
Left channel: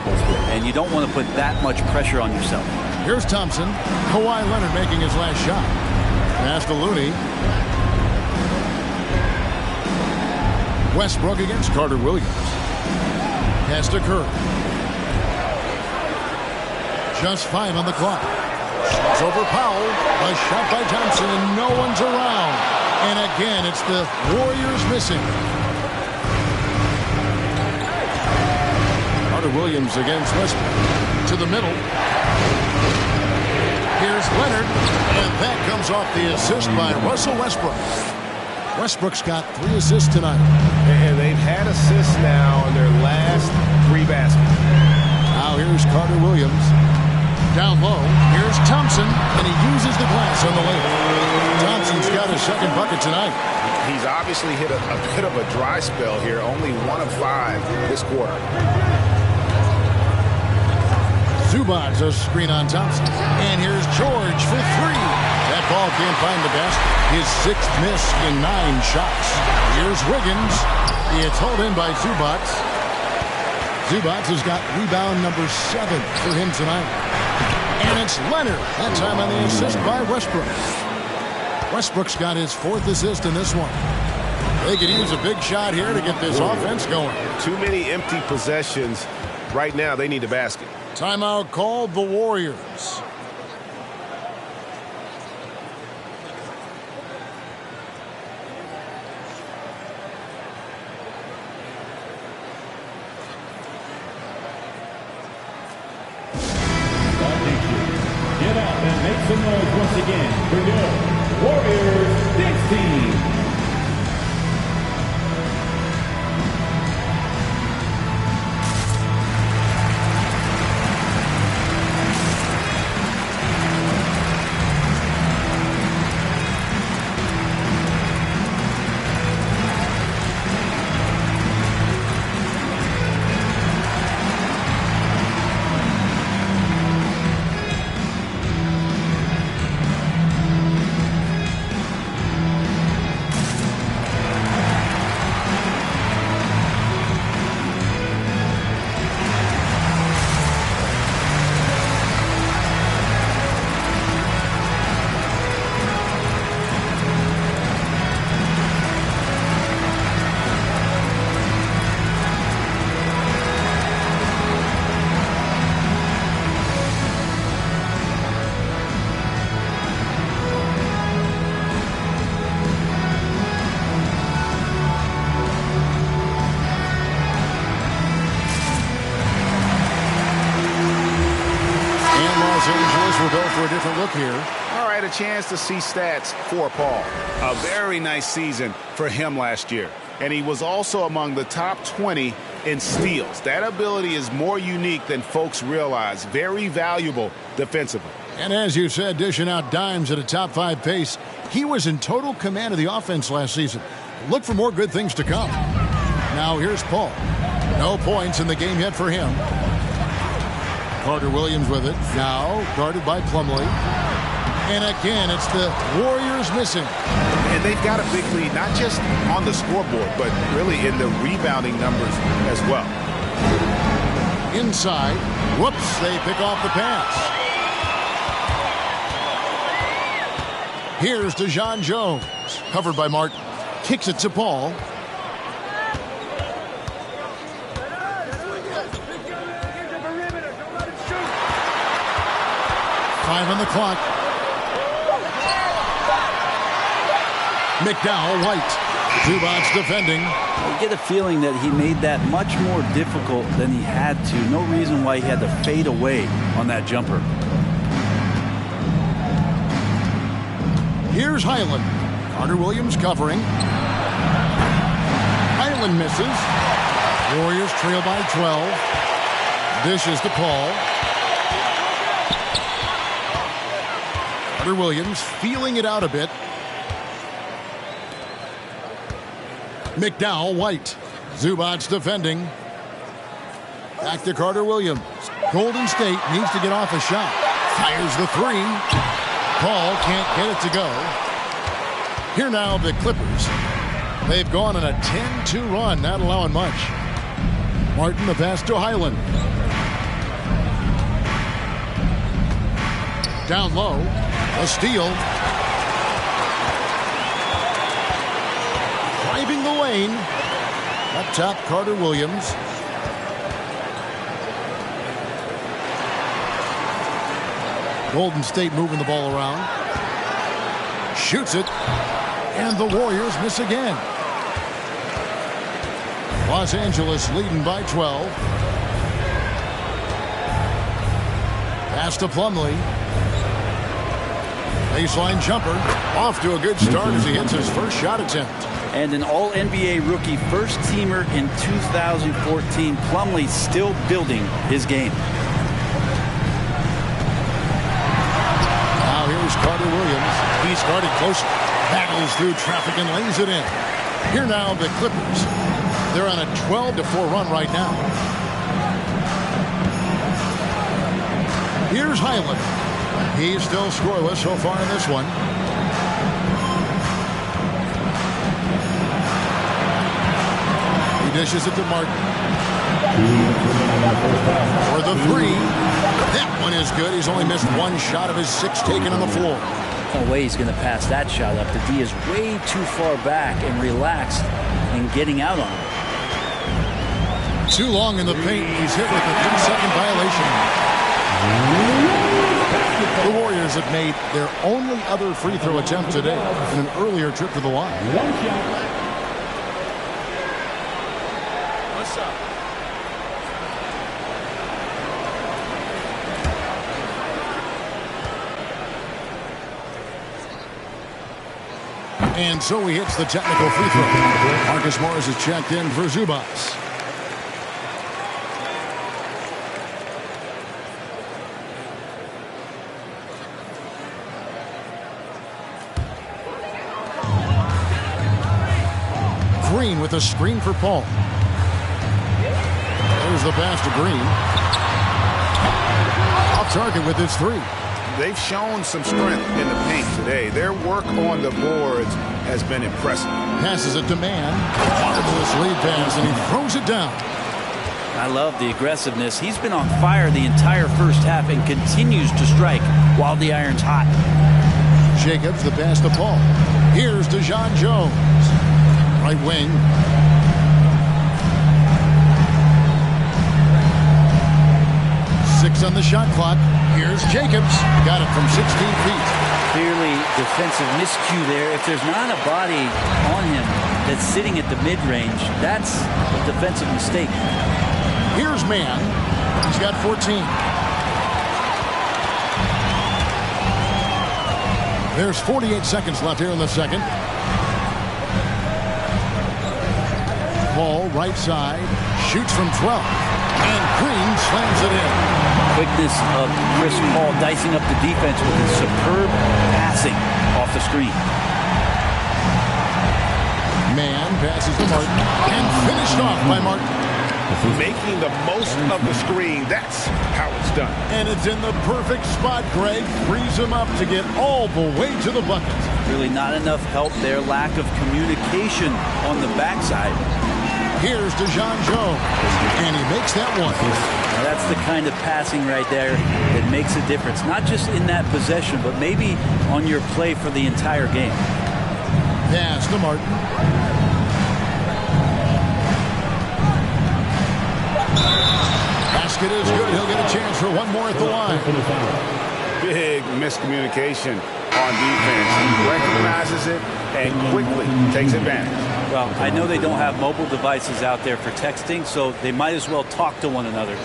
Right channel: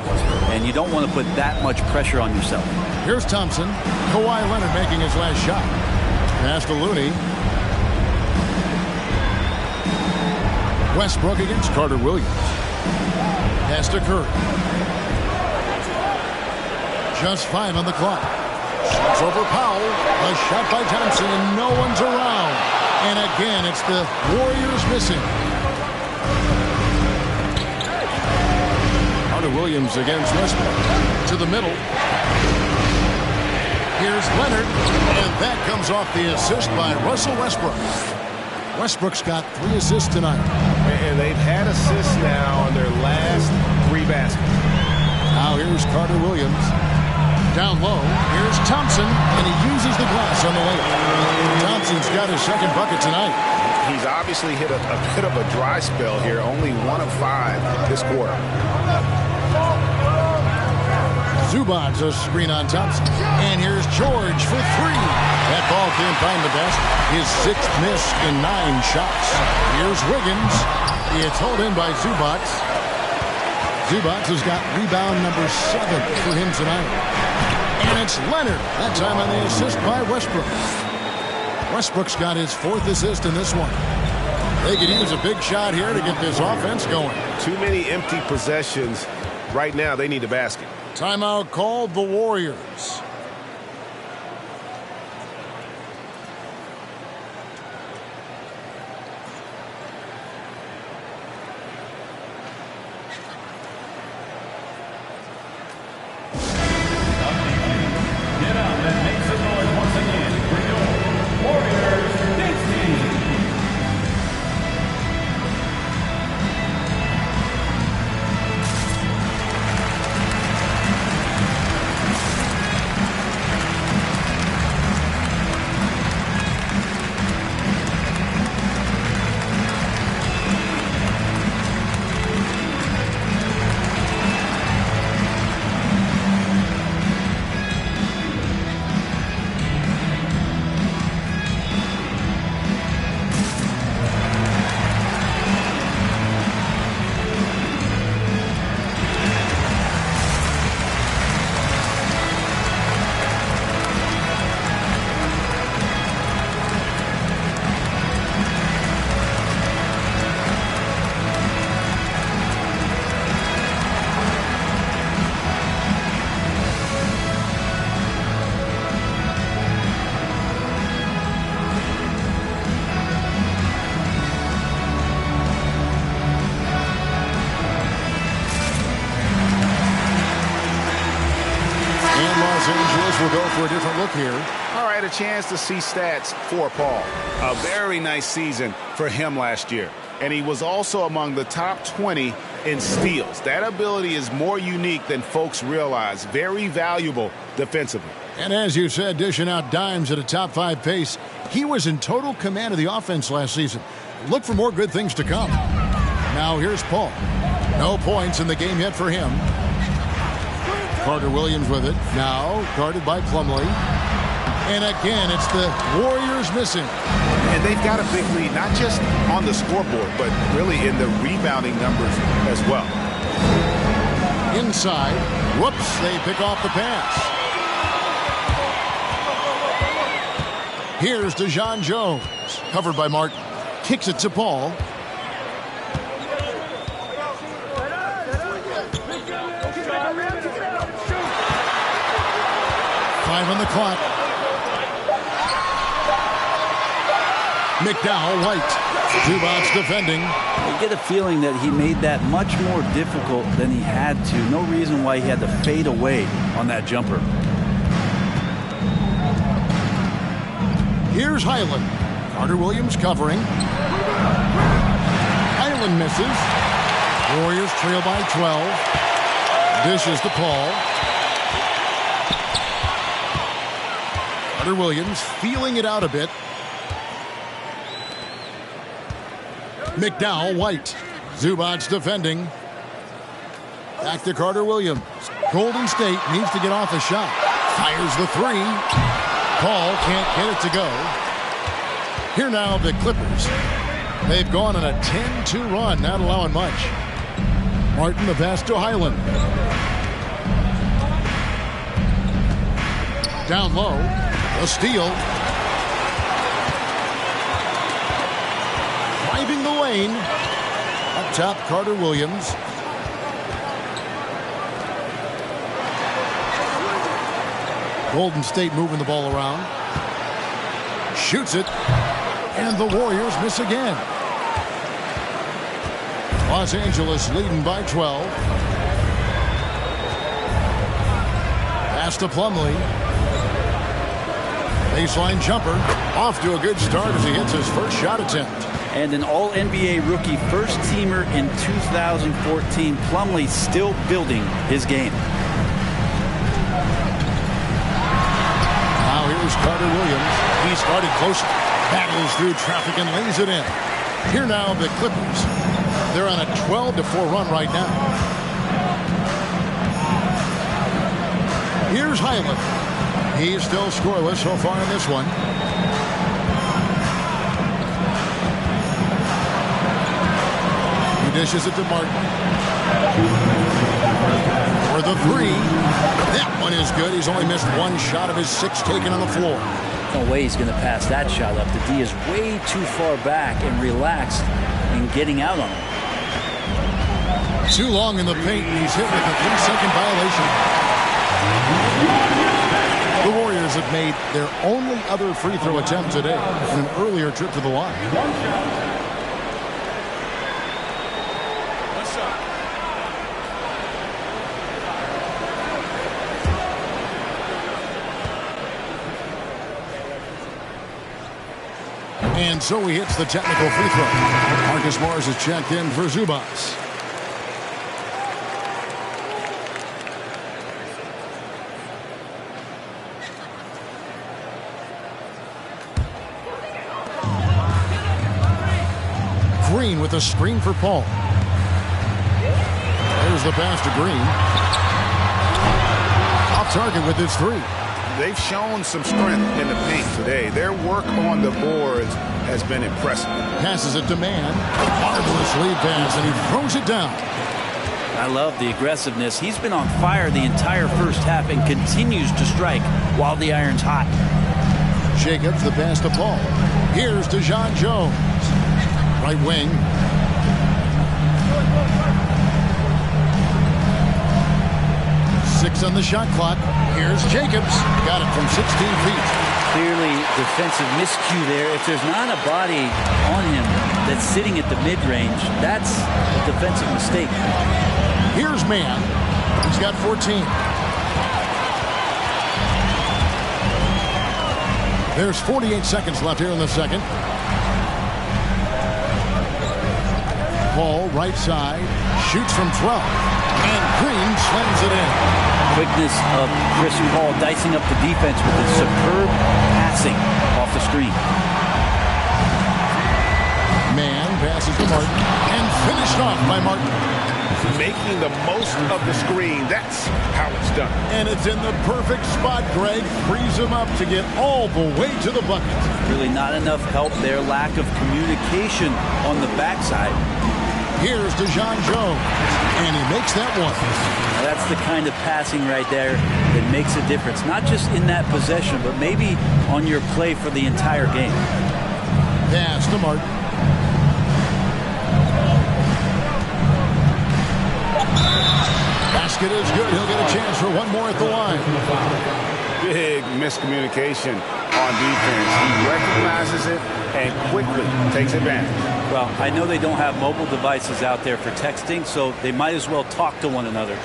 And you don't want to put that much pressure on yourself. Here's Thompson. Kawhi Leonard making his last shot. Pass to Looney. Westbrook against Carter Williams. Pass to Curry. Just 5 on the clock. Shots over Powell. A shot by Thompson, and no one's around. And again, it's the Warriors missing. Carter Williams against Westbrook. To the middle. Here's Leonard. And that comes off the assist by Russell Westbrook. Westbrook's got 3 assists tonight. And they've had assists now on their last 3 baskets. Now here's Carter Williams. Down low, here's Thompson, and he uses the glass on the layup. Thompson's got his second bucket tonight. He's obviously hit a bit of a dry spell here, only 1 of 5 this quarter. Zubats a screen on Thompson. And here's George for three. That ball can't find the basket. His 6th miss in 9 shots. Here's Wiggins. It's hauled in by Zubats. Zubats has got rebound number 7 for him tonight. And it's Leonard. That time on the assist by Westbrook. Westbrook's got his 4th assist in this one. They could use a big shot here to get this offense going. Too many empty possessions. Right now, they need a basket. Timeout called the Warriors. Get up and make some noise once again for your Warriors dance team. Los Angeles will go for a different look here. All right, a chance to see stats for Paul. A very nice season for him last year. And he was also among the top 20 in steals. That ability is more unique than folks realize. Very valuable defensively. And as you said, dishing out dimes at a top 5 pace, he was in total command of the offense last season. Look for more good things to come. Now here's Paul. No points in the game yet for him. Carter Williams with it. Now guarded by Plumlee. And again, it's the Warriors missing. And they've got a big lead, not just on the scoreboard, but really in the rebounding numbers as well. Inside. Whoops, they pick off the pass. Here's DeJon Jones. Covered by Martin. Kicks it to Paul. Five on the clock. McDowell, White. Zubats defending. You get a feeling that he made that much more difficult than he had to. No reason why he had to fade away on that jumper. Here's Highland. Carter Williams covering. Highland misses. Warriors trail by 12. Dishes to Paul. Carter Williams feeling it out a bit. McDowell, White. Zubats defending. Back to Carter Williams. Golden State needs to get off a shot. Fires the three. Paul can't get it to go. Here now the Clippers. They've gone on a 10-2 run, not allowing much. Martin the pass to Highland. Down low. A steal. Driving the lane. Up top, Carter Williams. Golden State moving the ball around. Shoots it. And the Warriors miss again. Los Angeles leading by 12. Pass to Plumlee. Baseline jumper. Off to a good start as he hits his first shot attempt. And an All-NBA rookie first-teamer in 2014. Plumlee still building his game. Now here's Carter Williams. He started closer. Battles through traffic and lays it in. Here now the Clippers. They're on a 12-4 run right now. Here's Highland. He's still scoreless so far in this one. He dishes it to Martin. For the three. That one is good. He's only missed one shot of his 6 taken on the floor. No way he's going to pass that shot up. The D is way too far back and relaxed in getting out on him. Too long in the paint. He's hit with a 3-second violation. The Warriors have made their only other free throw attempt today in an earlier trip to the line. What's up? And so he hits the technical free throw. Marcus Morris is checked in for Zubats. Green with a screen for Paul. There's the pass to Green. Off target with his 3. They've shown some strength in the paint today. Their work on the boards has been impressive. Passes it to Mann. Marvelous lead pass, and he throws it down. I love the aggressiveness. He's been on fire the entire first half and continues to strike while the iron's hot. Jacobs, the pass to Paul. Here's DeJon Jones. Right wing. Six on the shot clock. Here's Jacobs. Got it from 16 feet. Clearly defensive miscue there. If there's not a body on him that's sitting at the mid-range, that's a defensive mistake. Here's Mann. He's got 14. There's 48 seconds left here in the second. Paul, right side, shoots from 12. And Green slams it in. Quickness of Chris Paul dicing up the defense with his superb passing off the screen. Mann passes to Martin and finished off by Martin. Making the most of the screen. That's how it's done. And it's in the perfect spot. Greg frees him up to get all the way to the bucket. Really not enough help there. Lack of communication on the backside. Here's DeJon Jones, and he makes that one. Now that's the kind of passing right there that makes a difference. Not just in that possession, but maybe on your play for the entire game. Pass to Martin. Basket is good. He'll get a chance for one more at the line. Big miscommunication on defense. He recognizes it and quickly takes advantage. Well, I know they don't have mobile devices out there for texting, so they might as well talk to one another.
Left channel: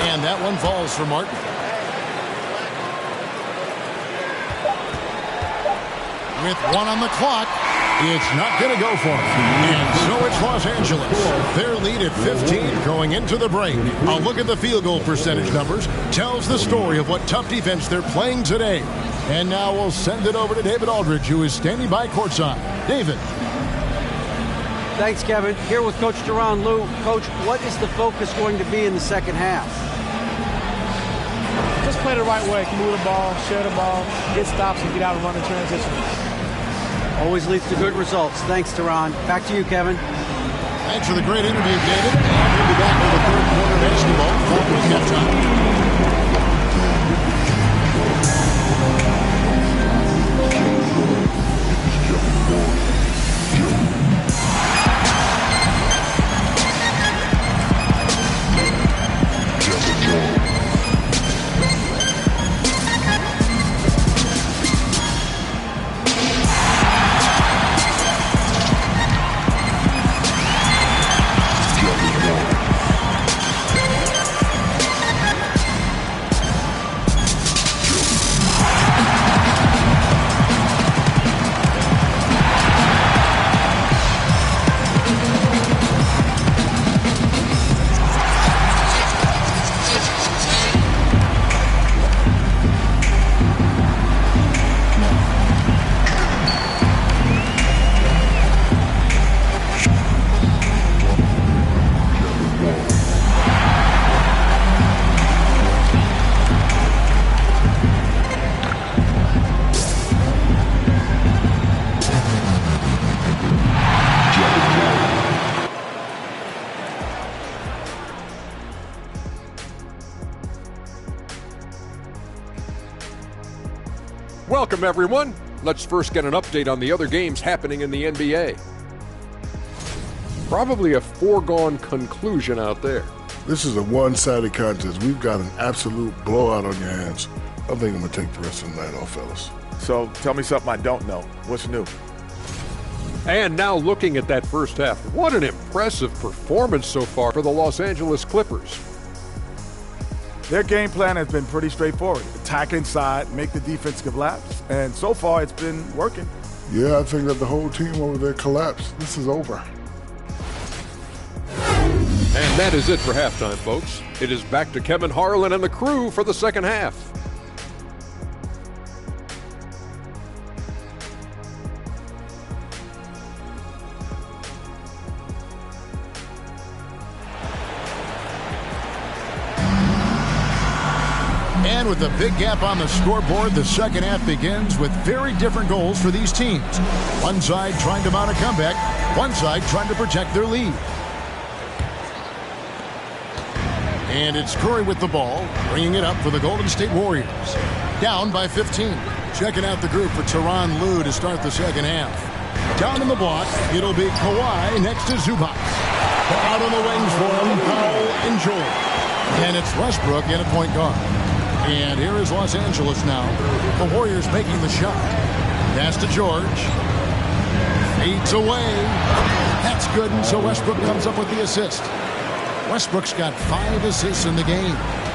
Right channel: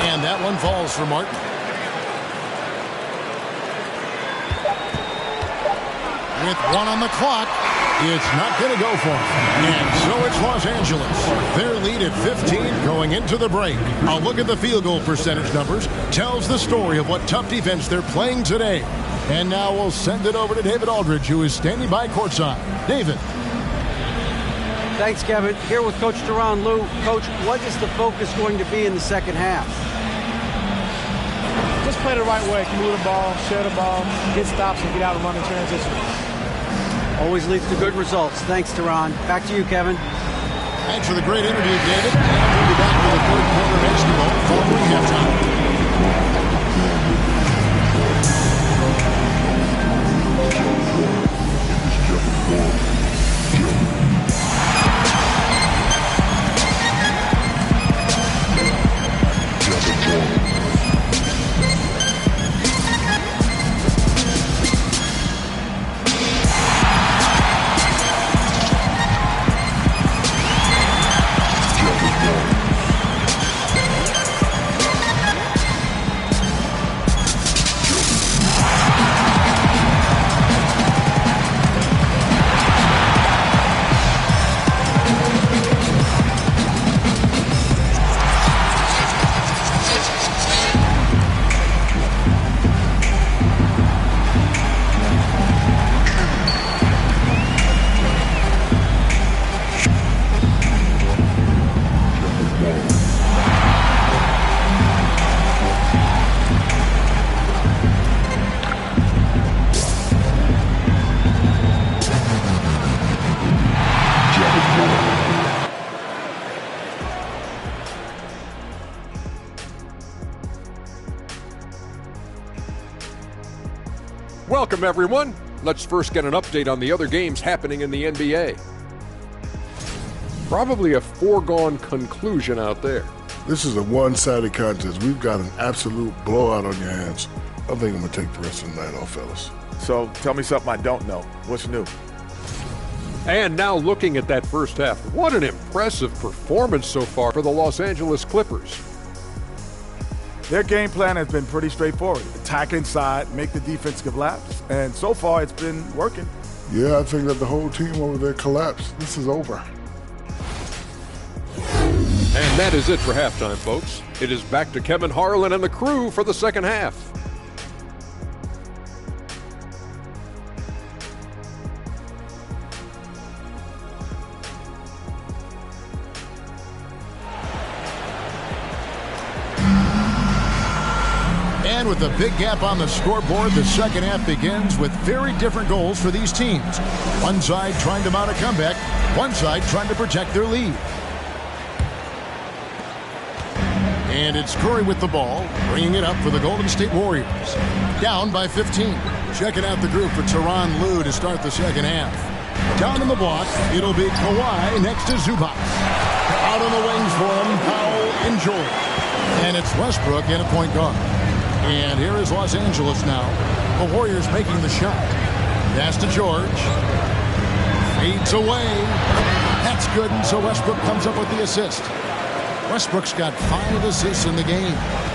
And that one falls for Martin. With one on the clock, it's not going to go for him. And so it's Los Angeles. Their lead at 15 going into the break. A look at the field goal percentage numbers tells the story of what tough defense they're playing today. And now we'll send it over to David Aldridge, who is standing by courtside. David. Thanks, Kevin. Here with Coach Tyronn Lue. Coach, what is the focus going to be in the second half? Just play the right way. Move the ball, share the ball, get stops, and get out and run in transition. Always leads to good results. Thanks, Tyronn. Back to you, Kevin. Thanks for the great interview, David. And we'll be back for the third quarter basketball following halftime. Welcome, everyone. Let's first get an update on the other games happening in the NBA. Probably a foregone conclusion out there. This is a one-sided contest. We've got an absolute blowout on your hands. I think I'm going to take the rest of the night off, fellas. So tell me something I don't know. What's new? And now looking at that first half, what an impressive performance so far for the Los Angeles Clippers. Their game plan has been pretty straightforward. Attack inside, make the defense collapse, and so far it's been working. Yeah, I think that the whole team over there collapsed. This is over. And that is it for halftime, folks. It is back to Kevin Harlan and the crew for the second half. And with a big gap on the scoreboard, the second half begins with very different goals for these teams. One side trying to mount a comeback, one side trying to protect their lead. And it's Curry with the ball, bringing it up for the Golden State Warriors. Down by 15. Checking out the group for Tyronn Lue to start the second half. Down in the block, it'll be Kawhi next to Zubac. Out on the wings for him, Powell and George. And it's Westbrook in a point guard. And here is Los Angeles now. The Warriors making the shot. Pass to George. Fades away. That's good, and so Westbrook comes up with the assist. Westbrook's got 5 assists in the game.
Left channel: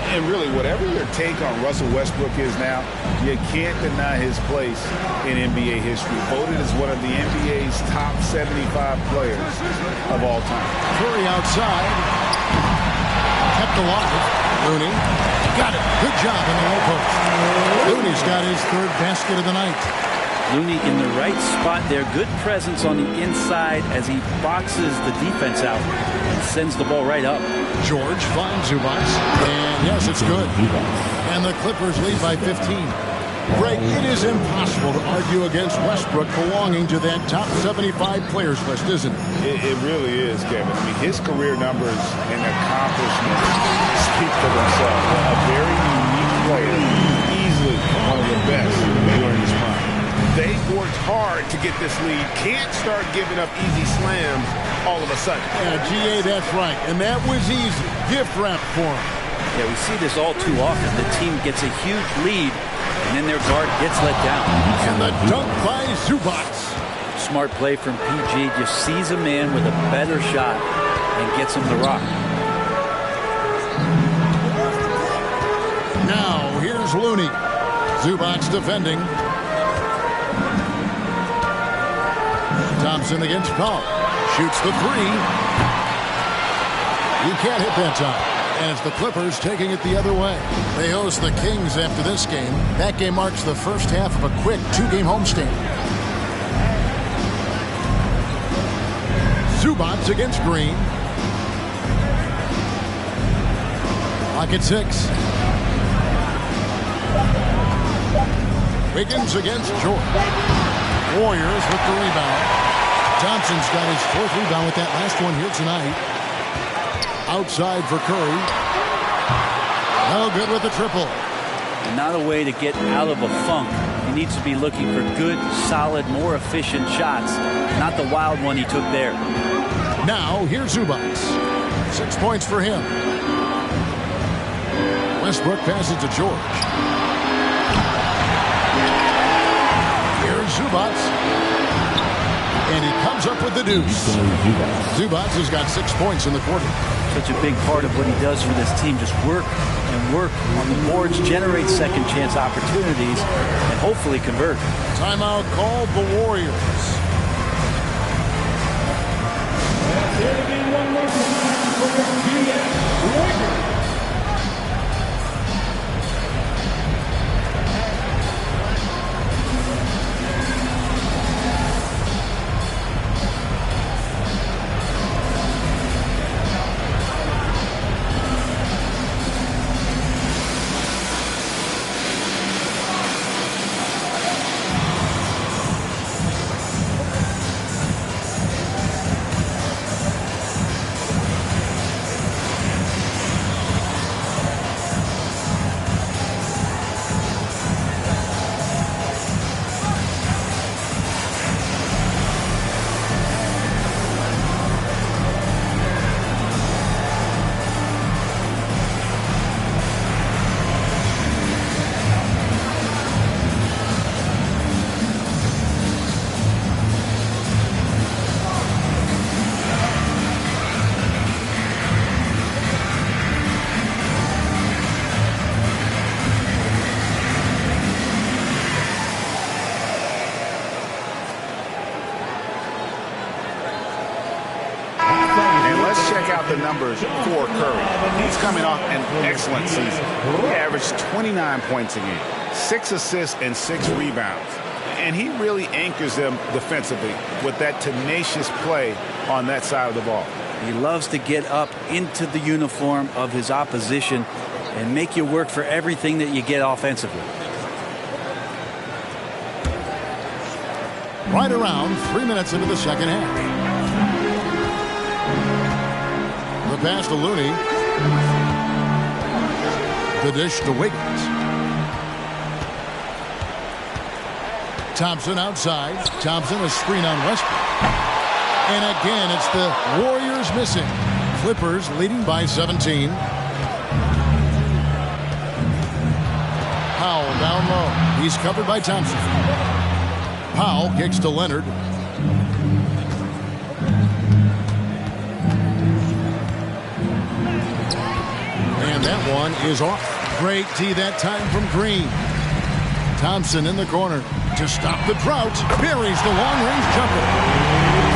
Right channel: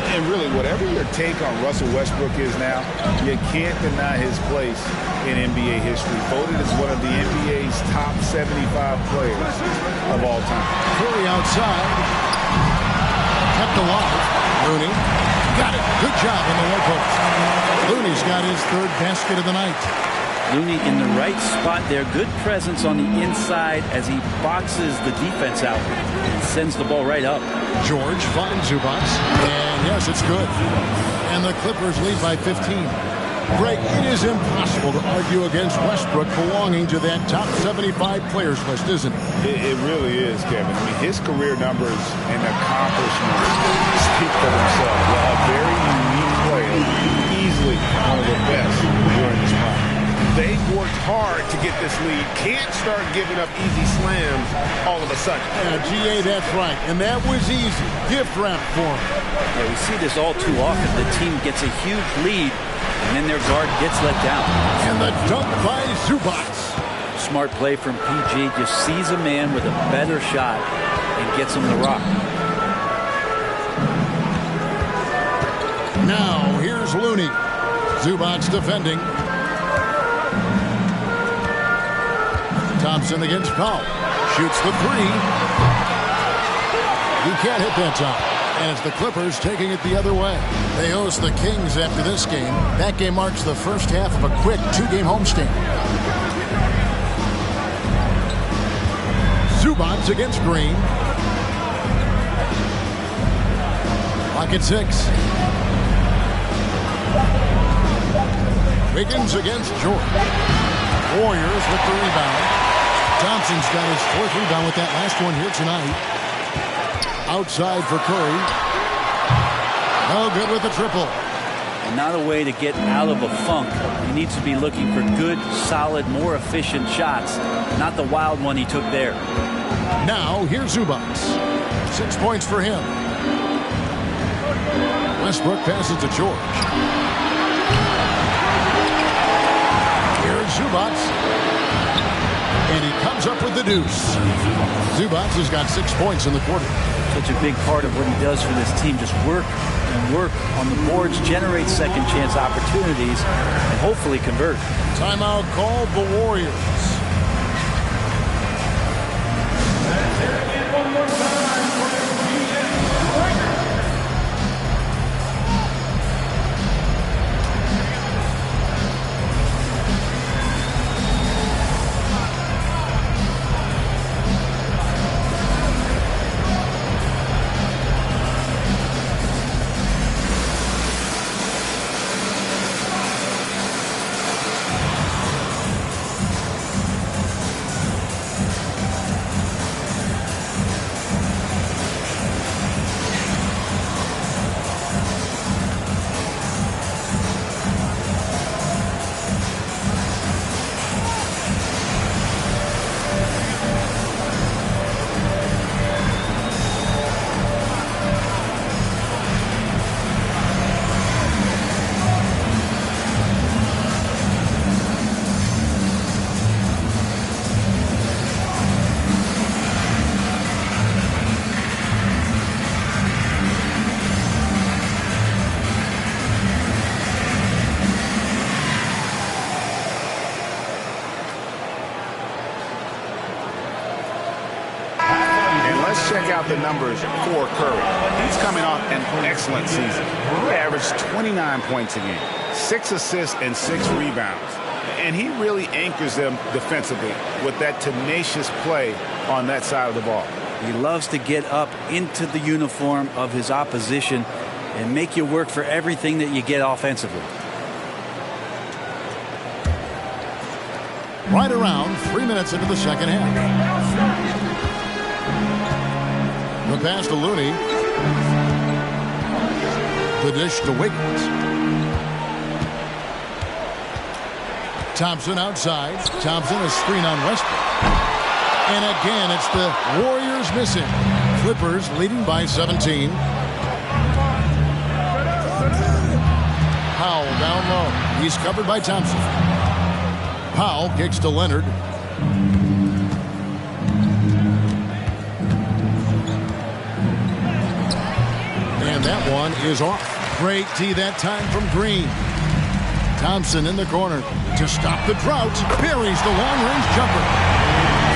And really, whatever your take on Russell Westbrook is now, you can't deny his place in NBA history. Voted as one of the NBA's top 75 players of all time. Curry outside. Kept alive. Looney. Got it. Good job in the low post. Looney's got his third basket of the night. Looney in the right spot there. Good presence on the inside as he boxes the defense out and sends the ball right up. George finds Zubac. And yes, it's good. And the Clippers lead by 15. Greg, it is impossible to argue against Westbrook belonging to that top 75 players list, isn't it? It really is, Kevin. I mean, his career numbers and accomplishments speak for themselves. A very unique player, easily one of the best during his prime. They've worked hard to get this lead. Can't start giving up easy slams all of a sudden. Yeah, GA, that's right. And that was easy. Gift wrap for him. Yeah, we see this all too often. The team gets a huge lead, and then their guard gets let down. And the dunk by Zubac. Smart play from PG. Just sees a man with a better shot and gets him the rock. Now, here's Looney. Zubac defending. Thompson against Powell. Shoots the three. He can't hit that time. And it's the Clippers taking it the other way. They host the Kings after this game. That game marks the first half of a quick 2-game homestand. Zubac against Green. Clock at 6. Wiggins against George. Warriors with the rebound. Thompson's got his 4th rebound with that last one here tonight. Outside for Curry. No good with the triple. And not a way to get out of a funk. He needs to be looking for good, solid, more efficient shots. Not the wild one he took there. Now, here's Zubac. 6 points for him. Westbrook passes to George. Here's Zubac. And he comes up with the deuce. Zubac has got 6 points in the quarter. Such a big part of what he does for this team. Just work and work on the boards, generate second chance opportunities, and hopefully convert. Timeout called the Warriors. One more time for the GS Lakers. check out the numbers for Curry. He's coming off an excellent season. He averaged 29 points a game, 6 assists and 6 rebounds. And he really anchors them defensively with that tenacious play on that side of the ball. He loves to get up into the uniform of his opposition and make you work for everything that you get offensively. Right around 3 minutes into the second half. The pass to Looney. The dish to Wiggins. Thompson outside. Thompson a screen on Westbrook. And again, it's the Warriors missing. Clippers leading by 17. Powell down low. He's covered by Thompson. Powell kicks to Leonard. And that one is off. Great D that time from Green. Thompson in the corner to stop the drought. Buries the long-range jumper.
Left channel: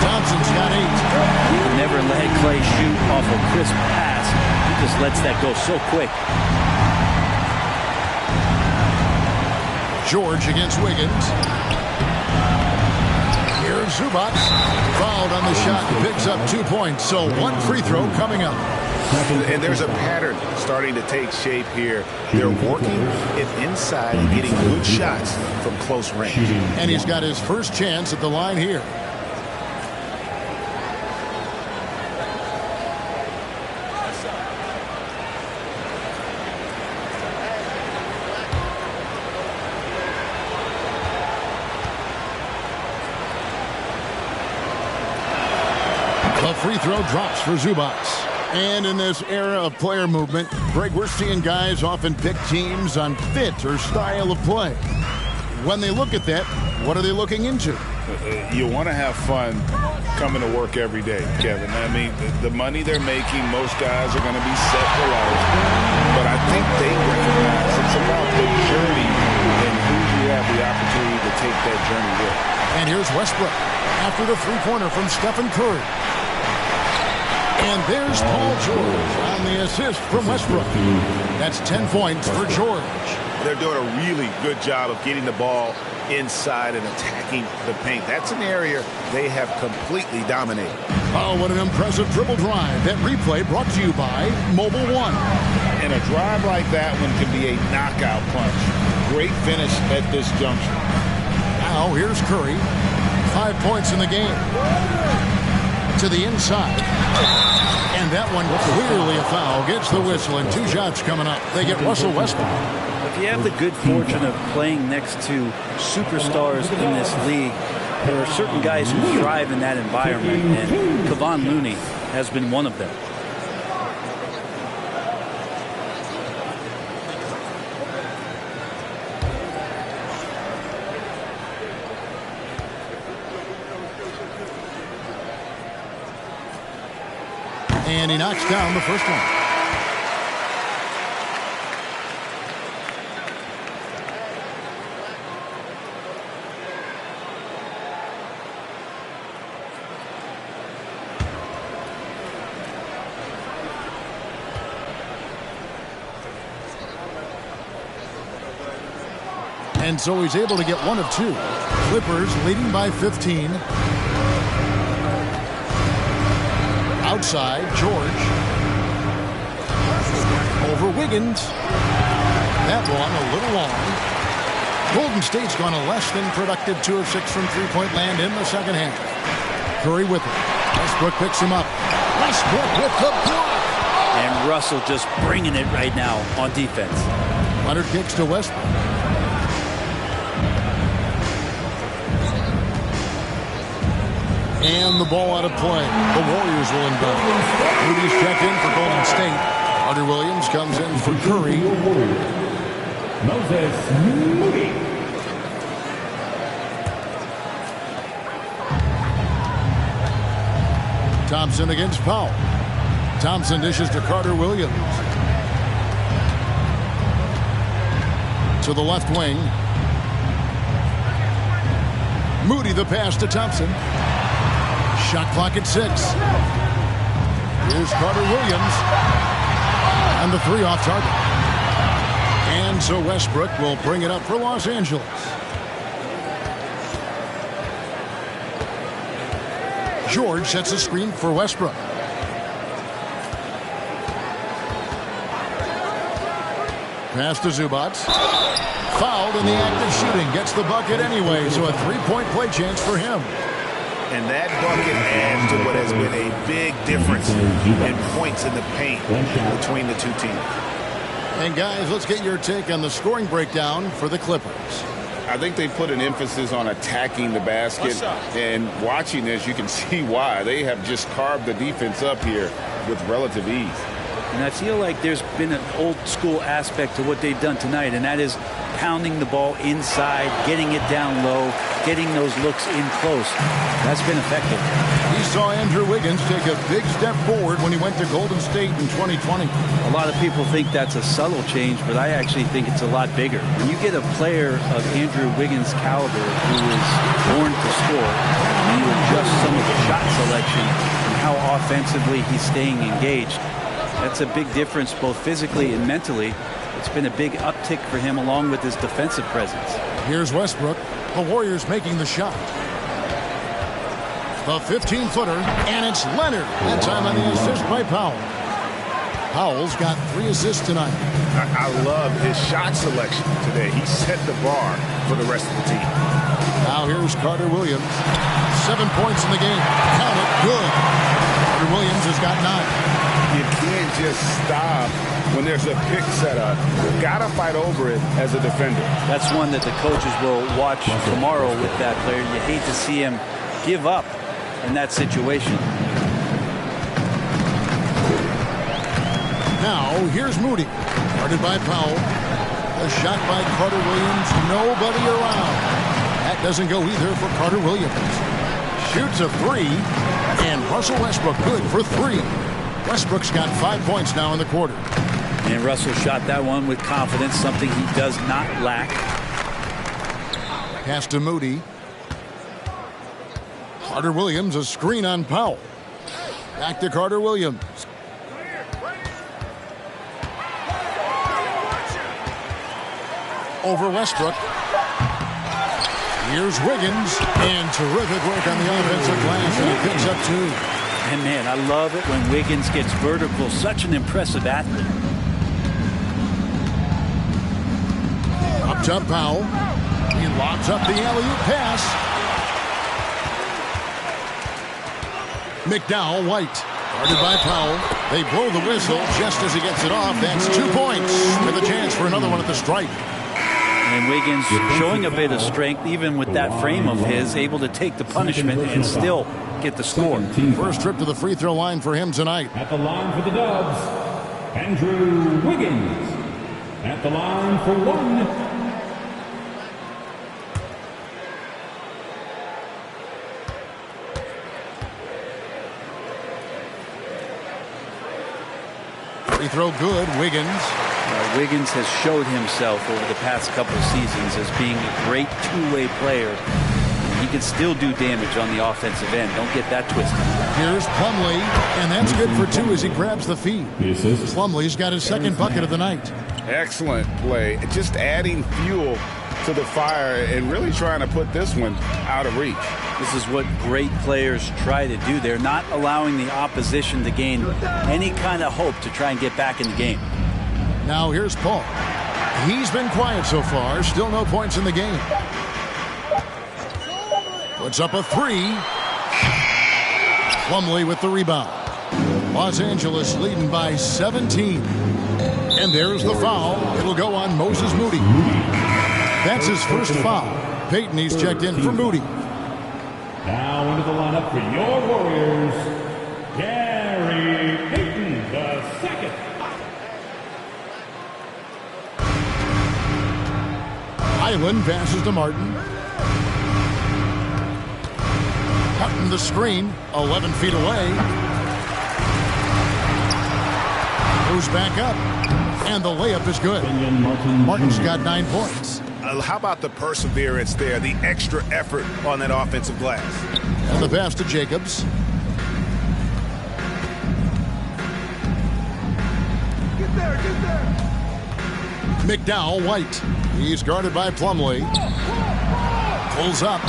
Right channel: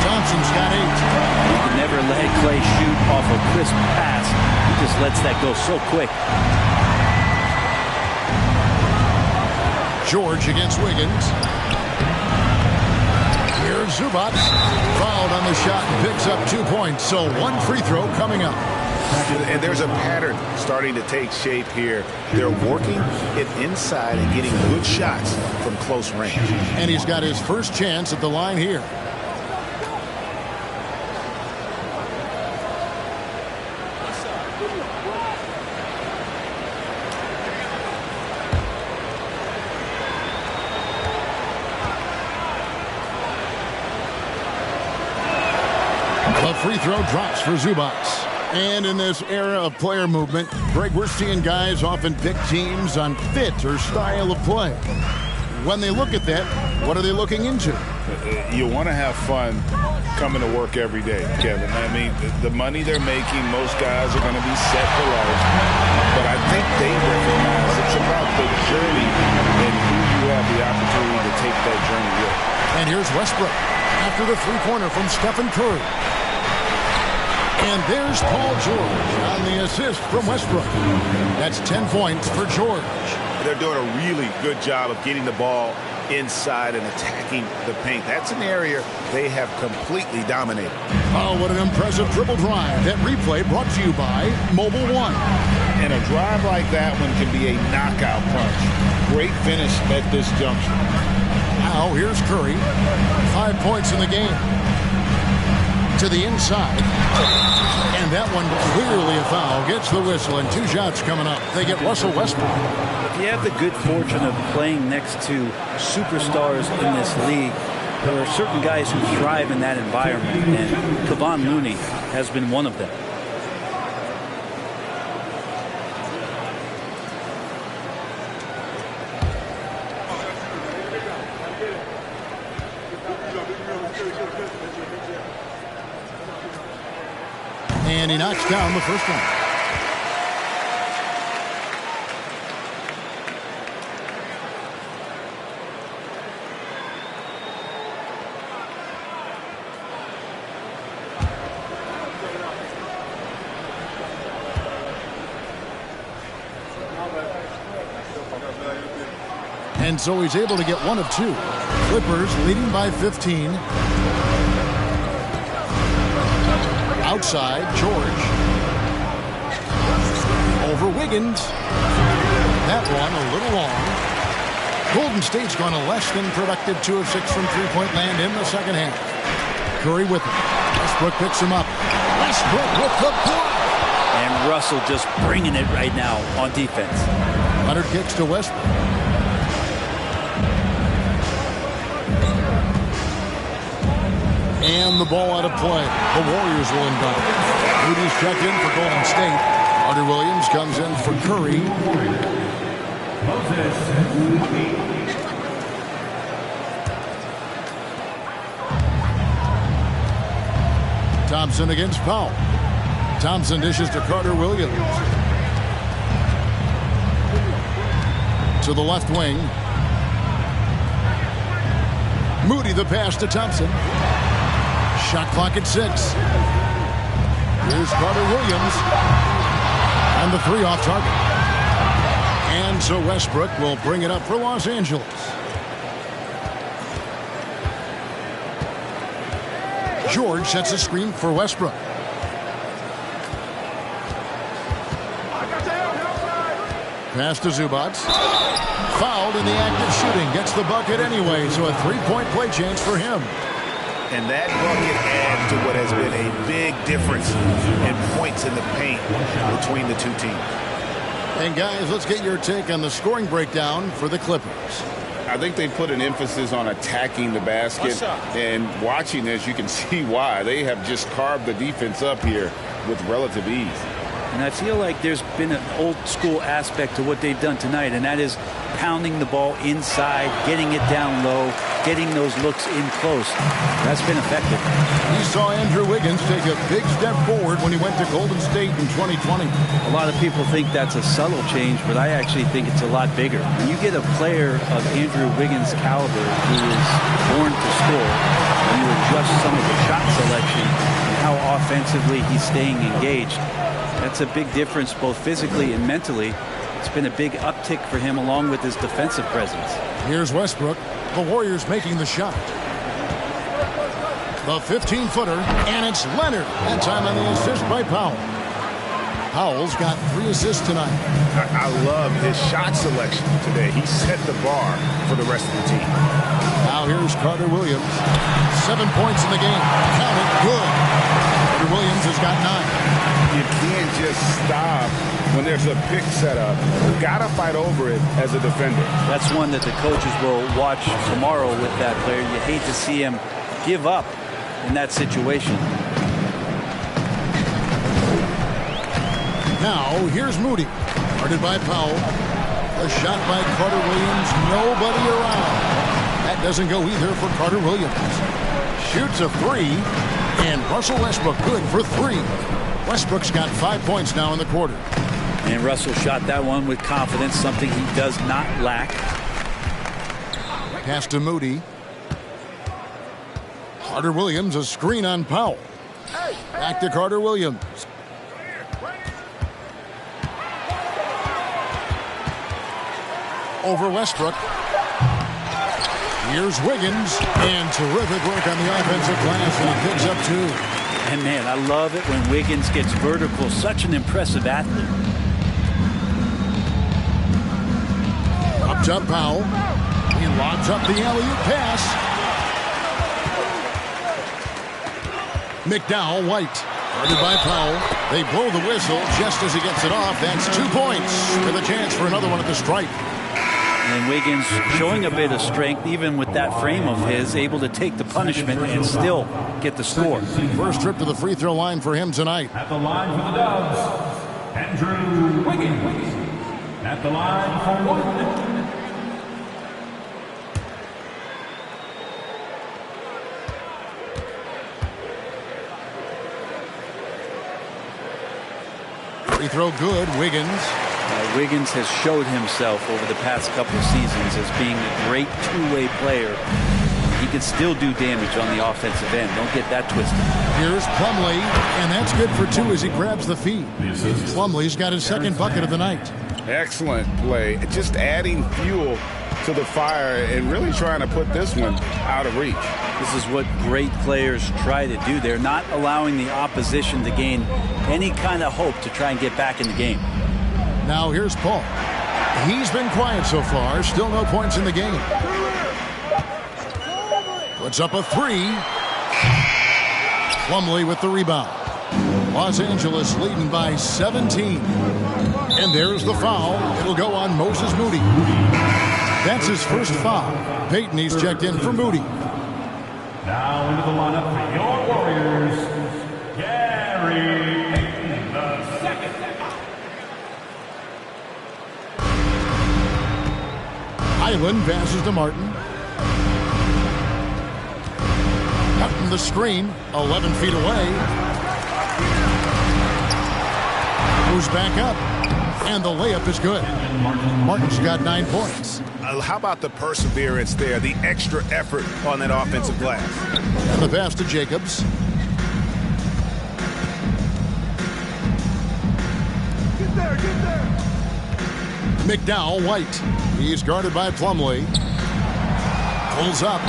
Thompson's got 8. You can never let Clay shoot off a crisp pass. He just lets that go so quick. George against Wiggins. Here's Zubac. Fouled on the shot and picks up 2 points. So 1 free throw coming up. And there's a pattern starting to take shape here. They're working it inside and getting good shots from close range. And he's got his first chance at the line here. The free throw drops for Zubac. And in this era of player movement, Greg, we're seeing guys often pick teams on fit or style of play. When they look at that, what are they looking into? You want to have fun coming to work every day, Kevin. I mean, the money they're making, most guys are going to be set for life. But I think they recognize it's about the journey and who you have the opportunity to take that journey with. And here's Westbrook after the three-pointer from Stephen Curry. And there's Paul George on the assist from Westbrook. That's 10 points for George. They're doing a really good job of getting the ball inside and attacking the paint. That's an area they have completely dominated. Oh, what an impressive dribble drive. That replay brought to you by Mobile One. And a drive like that one can be a knockout punch. Great finish at this juncture. Now here's Curry. 5 points in the game. To the inside. And that one clearly a foul. Gets the whistle and 2 shots coming up. They get Russell Westbrook. If you have the good fortune of playing next to superstars in this league, there are certain guys who thrive in that environment, and Kevon Looney has been one of them. And he knocks down the first one. And so he's able to get 1 of 2. Clippers leading by 15. Outside, George. Over Wiggins. That one a little long. Golden State's gone a less than productive 2 of 6 from three-point land in the second half. Curry with it. Westbrook picks him up. Westbrook with the block. And Russell just bringing it right now on defense. Leonard kicks to Westbrook. And the ball out of play. The Warriors will inbound. Moody's checked in for Golden State. Carter Williams comes in for Curry. Moses Moody. Thompson against Powell. Thompson dishes to Carter Williams. To the left wing. Moody the pass to Thompson. Shot clock at 6. Here's Carter Williams. And the three off target. And so Westbrook will bring it up for Los Angeles. George sets a screen for Westbrook. Pass to Zubac. Fouled in the act of shooting. Gets the bucket anyway, so a three-point play chance for him. And that bucket adds to what has been a big difference in points in the paint between the two teams. And guys, let's get your take on the scoring breakdown for the Clippers. I think they put an emphasis on attacking the basket, and watching this, you can see why. They have just carved the defense up here with relative ease. And I feel like there's been an old school aspect to what they've done tonight, and that is pounding the ball inside, getting it down low, getting those looks in close. That's been effective. We saw Andrew Wiggins take a big step forward when he went to Golden State in 2020. A lot of people think that's a subtle change, but I actually think it's a lot bigger. When you get a player of Andrew Wiggins' caliber who is born to score, and you adjust some of the shot selection and how offensively he's staying engaged, that's a big difference both physically and mentally. It's been a big uptick for him along with his defensive presence. Here's Westbrook. The Warriors making the shot. The 15-footer, and it's Leonard. That time on the assist by Powell. Powell's got 3 assists tonight. I love his shot selection today. He set the bar for the rest of the team. Now here's Carter Williams. 7 points in the game. Count it. Good. Carter Williams has got 9. You can't just stop when there's a pick set up. Gotta fight over it as a defender. That's one that the coaches will watch tomorrow with that player. You hate to see him give up in that situation. Now here's Moody. Guarded by Powell. A shot by Carter Williams. Nobody around. That doesn't go either for Carter Williams. Shoots a 3. And Russell Westbrook good for 3. Westbrook's got 5 points now in the quarter. And Russell shot that one with confidence, something he does not lack. Pass to Moody. Carter Williams, a screen on Powell. Back to Carter Williams. Over Westbrook. Here's Wiggins. And terrific work on the offensive glass, and he picks up 2. And man, I love it when Wiggins gets vertical. Such an impressive athlete. Up top, Powell. He lobs up the alley-oop pass. McDowell, White. Guarded by Powell. They blow the whistle just as he gets it off. That's 2 points with a chance for another one at the stripe. And Wiggins showing a bit of strength, even with that frame of his, able to take the punishment and still get the score. First trip to the free throw line for him tonight. At the line for the Dubs, Andrew Wiggins. At the line for 1. Free throw good, Wiggins. Wiggins has showed himself over the past couple of seasons as being a great two-way player. He can still do damage on the offensive end. Don't get that twisted. Here's Plumlee, and that's good for 2 as he grabs the feed. Plumlee's got his second bucket of the night. Excellent play. Just adding fuel to the fire and really trying to put this one out of reach. This is what great players try to do. They're not allowing the opposition to gain any kind of hope to try and get back in the game. Now here's Paul. He's been quiet so far. Still no points in the game. Puts up a 3. Plumlee with the rebound. Los Angeles leading by 17. And there's the foul. It'll go on Moses Moody. That's his first foul. Payton, he's checked in for Moody. Now into the lineup for your Warriors, Gary Payton, the second. Island passes to Martin. Martin the screen, 11 feet away. Moves back up, and the layup is good. Martin's got 9 points. How about the perseverance there, the extra effort on that offensive glass? And the pass to Jacobs. McDowell White. He's guarded by Plumlee. Pulls up.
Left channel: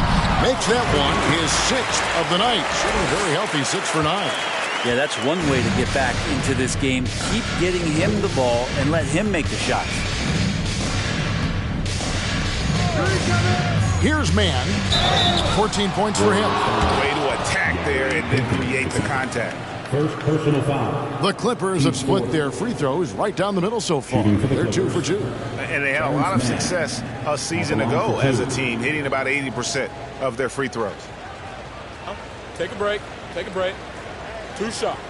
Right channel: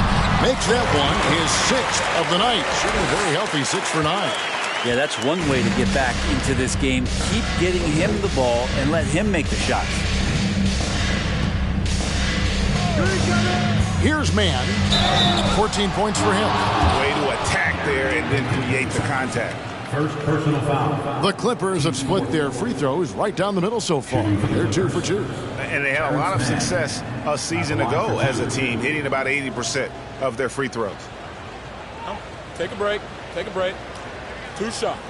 Makes that one his 6th of the night. Shooting a very healthy 6 for 9. Yeah, that's one way to get back into this game. Keep getting him the ball and let him make the shots. Here's Mann. 14 points for him. Way to attack there and then create the contact. First personal foul. The Clippers have split their free throws right down the middle so far. They're 2 for 2. And they had a lot of success a season ago as a team, hitting about 80% of their free throws. Take a break. Take a break. 2 shots.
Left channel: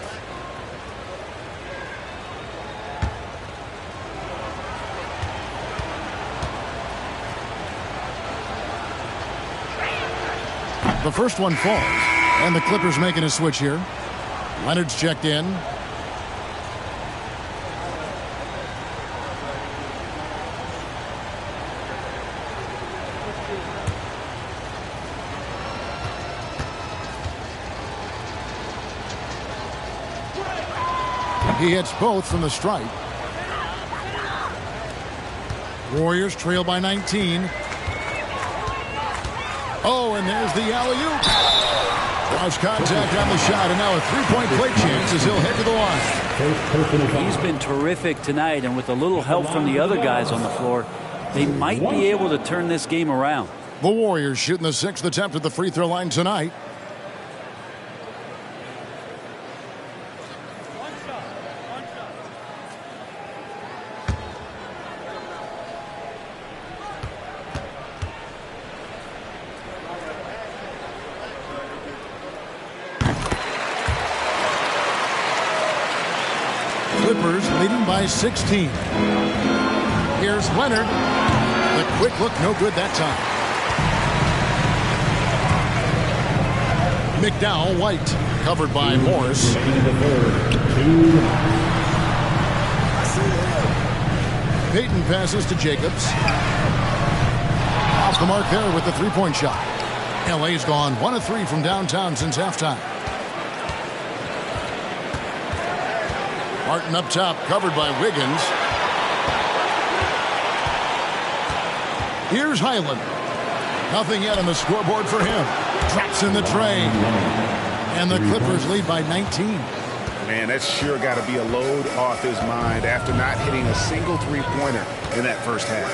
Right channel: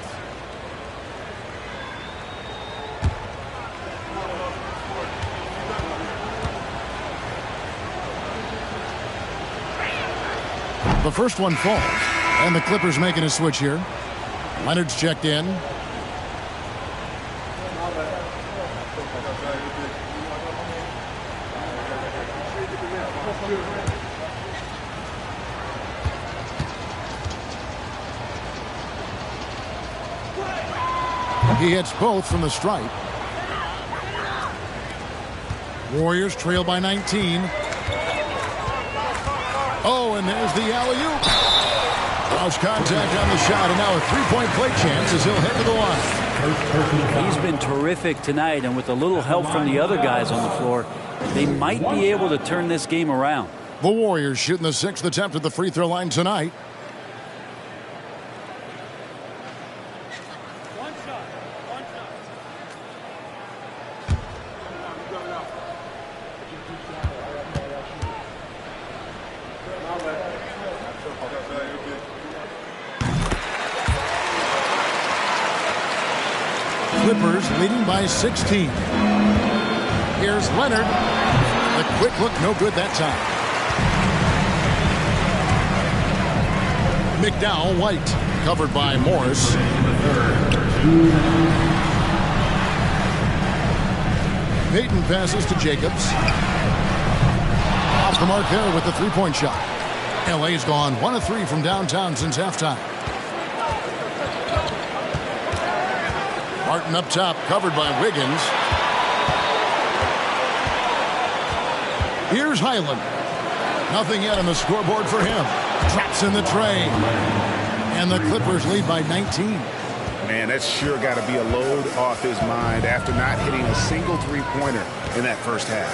The first one falls, and the Clippers making a switch here. Leonard's checked in. He hits both from the stripe. Warriors trail by 19. Oh, and there's the alley-oop. Draws contact on the shot, and now a three-point play chance as he'll head to the line. He's been terrific tonight, and with a little help from the other guys on the floor, they might be able to turn this game around. The Warriors shooting the 6th attempt at the free throw line tonight. Clippers leading by 16. Here's Leonard. The quick look, no good that time. McDowell White, covered by Morris. Payton passes to Jacobs. Off the mark there with the three-point shot. LA's gone 1 of 3 from downtown since halftime. Martin up top, covered by Wiggins. Here's Highland. Nothing yet on the scoreboard for him. Drops in the tray. And the Clippers lead by 19. Man, that's sure got to be a load off his mind after not hitting a single three-pointer in that first half.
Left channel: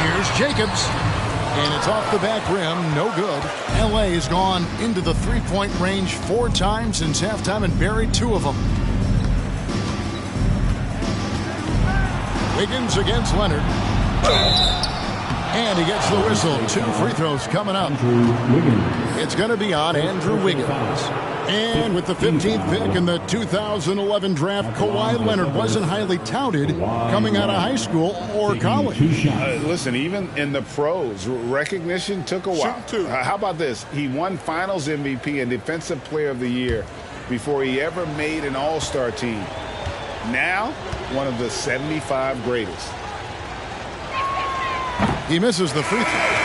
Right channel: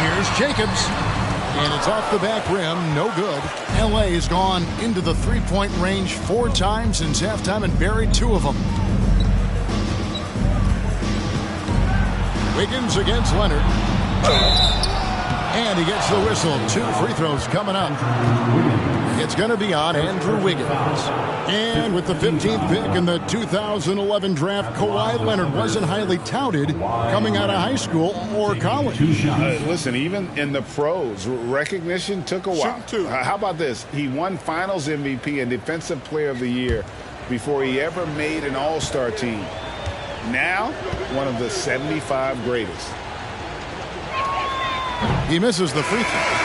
Here's Jacobs. And it's off the back rim, no good. LA has gone into the three-point range 4 times since halftime and buried 2 of them. Wiggins against Leonard. And he gets the whistle. 2 free throws coming up. It's going to be on Andrew Wiggins. And with the 15th pick in the 2011 draft, Kawhi Leonard wasn't highly touted coming out of high school or college. Listen, even in the pros, recognition took a while. How about this? He won Finals MVP and Defensive Player of the Year before he ever made an All-Star team. Now, one of the 75 greatest. He misses the free throw.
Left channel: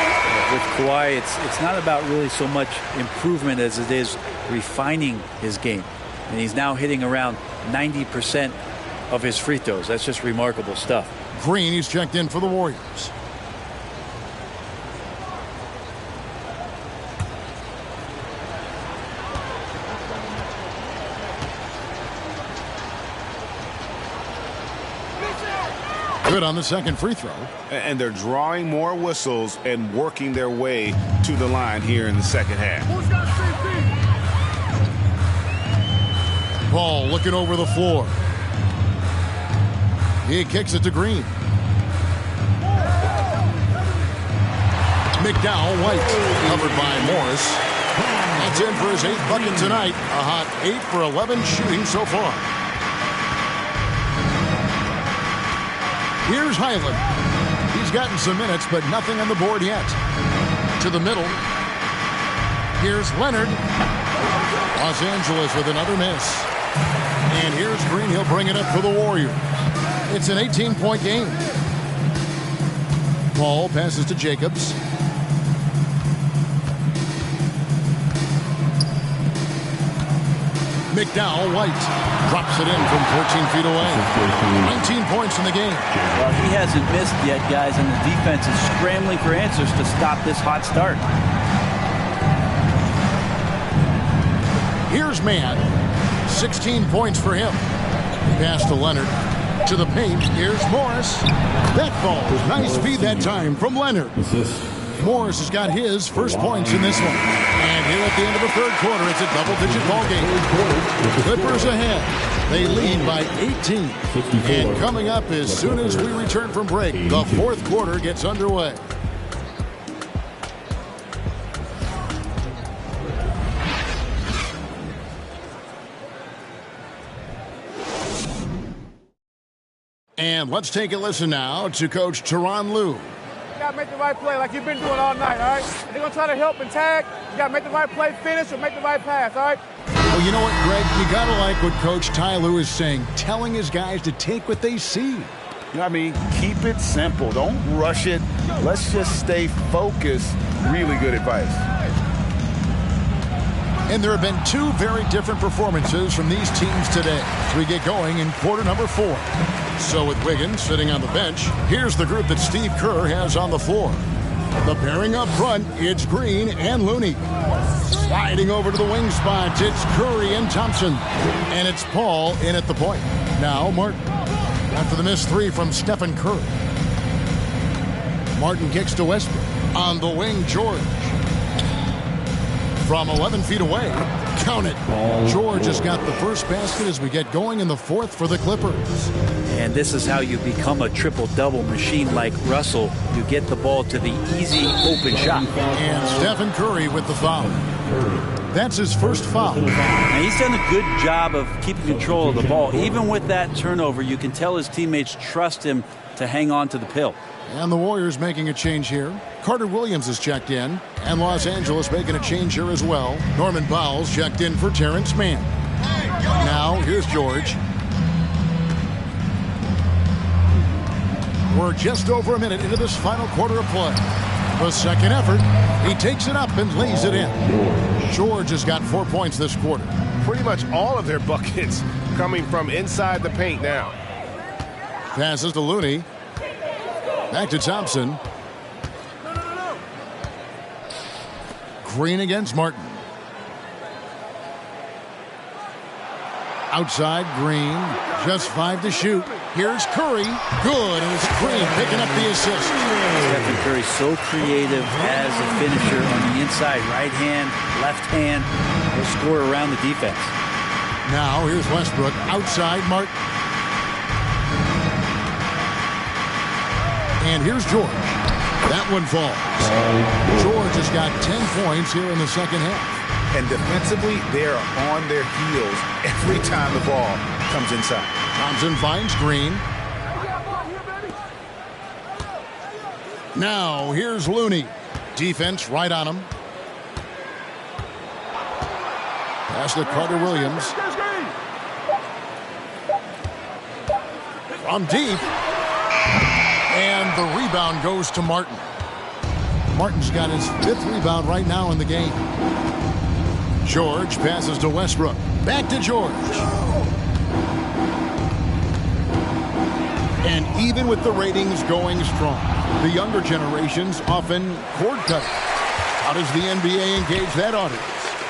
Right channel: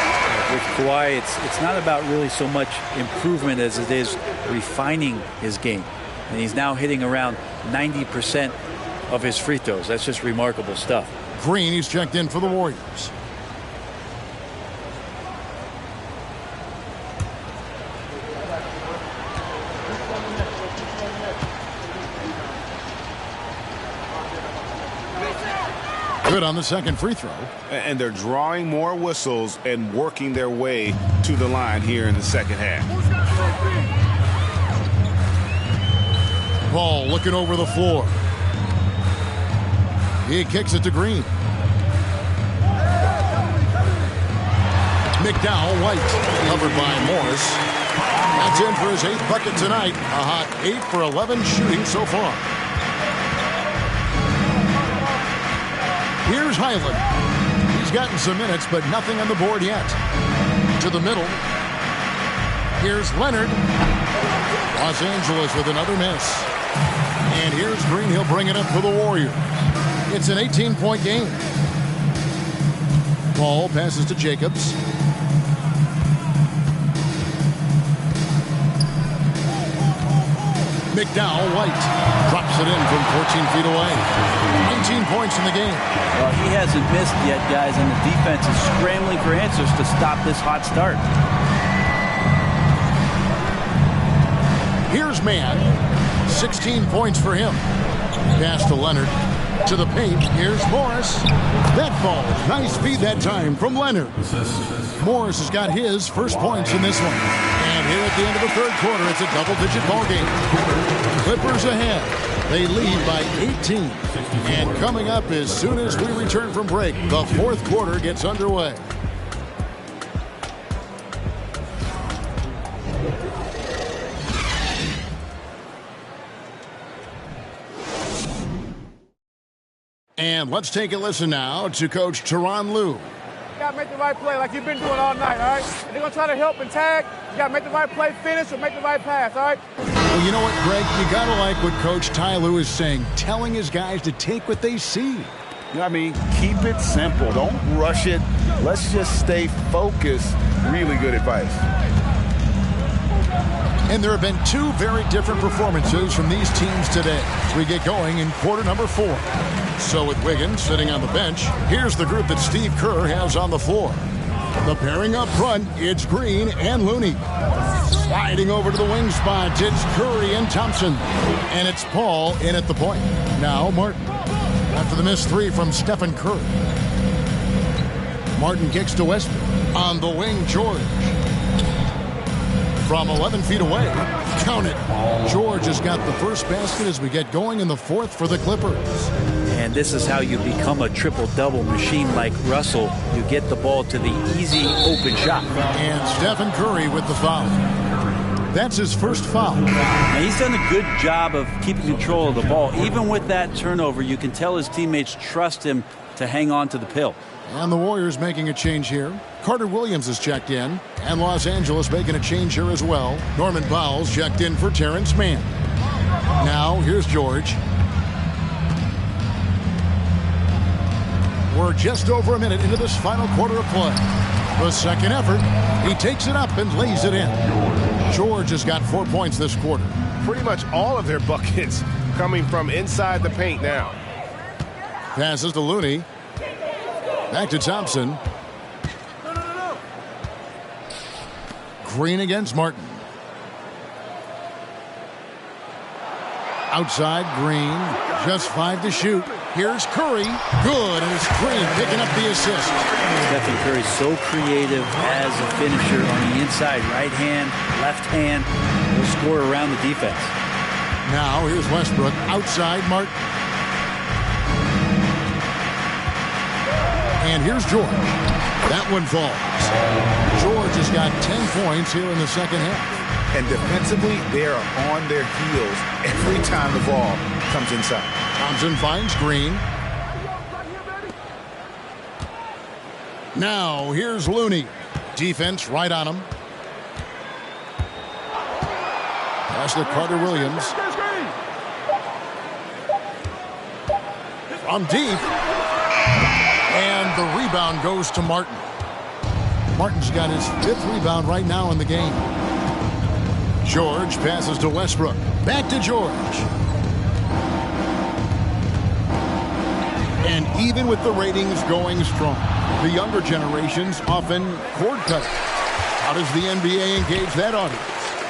With Kawhi, it's not about really so much improvement as it is refining his game. And he's now hitting around 90% of his free throws. That's just remarkable stuff. Green, he's checked in for the Warriors. Good on the second free throw. And they're drawing more whistles and working their way to the line here in the second half. Paul looking over the floor. He kicks it to Green. McDowell White, covered by Morris. That's in for his 8th bucket tonight. A hot 8 for 11 shooting so far. Here's Highland. He's gotten some minutes, but nothing on the board yet. To the middle. Here's Leonard. Los Angeles with another miss. And here's Green. He'll bring it up for the Warriors. It's an 18-point game. Paul passes to Jacobs. McDowell White drops it in from 14 feet away. 19 points in the game. Well, he hasn't missed yet, guys, and the defense is scrambling for answers to stop this hot start. Here's Mann. 16 points for him. Pass to Leonard. To the paint. Here's Morris. That falls. Nice feed that time from Leonard. Morris has got his first points in this one. And here at the end of the third quarter, it's a double-digit ball game. Clippers ahead. They lead by 18. And coming up as soon as we return from break, the fourth quarter gets underway. And let's take a listen now to Coach Tyronn Lue. You got to make the right play like you've been doing all night, all right? If they're going to try to help and tag, you got to make the right play, finish, or make the right pass, all right? Well, you know what, Greg? You got to like what Coach Ty Lue is saying, telling his guys to take what they see. You know what I mean? Keep it simple. Don't rush it. Let's just stay focused. Really good advice. And there have been two very different performances from these teams today as we get going in quarter number 4. So with Wiggins sitting on the bench, here's the group that Steve Kerr has on the floor. The pairing up front, it's Green and Looney. Sliding over to the wing spot, it's Curry and Thompson. And it's Paul in at the point. Now Martin. After the missed three from Stephen Curry. Martin kicks to Westbrook. On the wing, George. From 11 feet away, count it. George has got the first basket as we get going in the fourth for the Clippers. And this is how you become a triple-double machine like Russell. You get the ball to the easy open shot. And Stephen Curry with the foul. That's his first foul. Now, he's done a good job of keeping control of the ball. Even with that turnover, you can tell his teammates trust him to hang on to the pill. And the Warriors making a change here. Carter Williams is checked in. And Los Angeles making a change here as well. Norman Powell's checked in for Terrence Mann. Now, here's George. We're just over a minute into this final quarter of play. The second effort, he takes it up and lays it in. George has got 4 points this quarter. Pretty much all of their buckets coming from inside the paint now. Passes to Looney. Back to Thompson. Green against Martin. Outside, Green. Just 5 to shoot. Here's Curry. Good, and it's Green picking up the assist. Stephen Curry so creative as a finisher on the inside. Right hand, left hand. He'll score around the defense. Now, here's Westbrook. Outside, Martin. And here's George. That one falls. George has got 10 points here in the second half. And defensively, they are on their heels every time the ball comes inside. Thompson finds Green. Now, here's Looney. Defense right on him. Pass to Carter Williams. From deep. And the rebound goes to Martin. Martin's got his 5th rebound right now in the game. George passes to Westbrook. Back to George. And even with the ratings going strong, the younger generations often cord cut. How does the NBA engage that audience?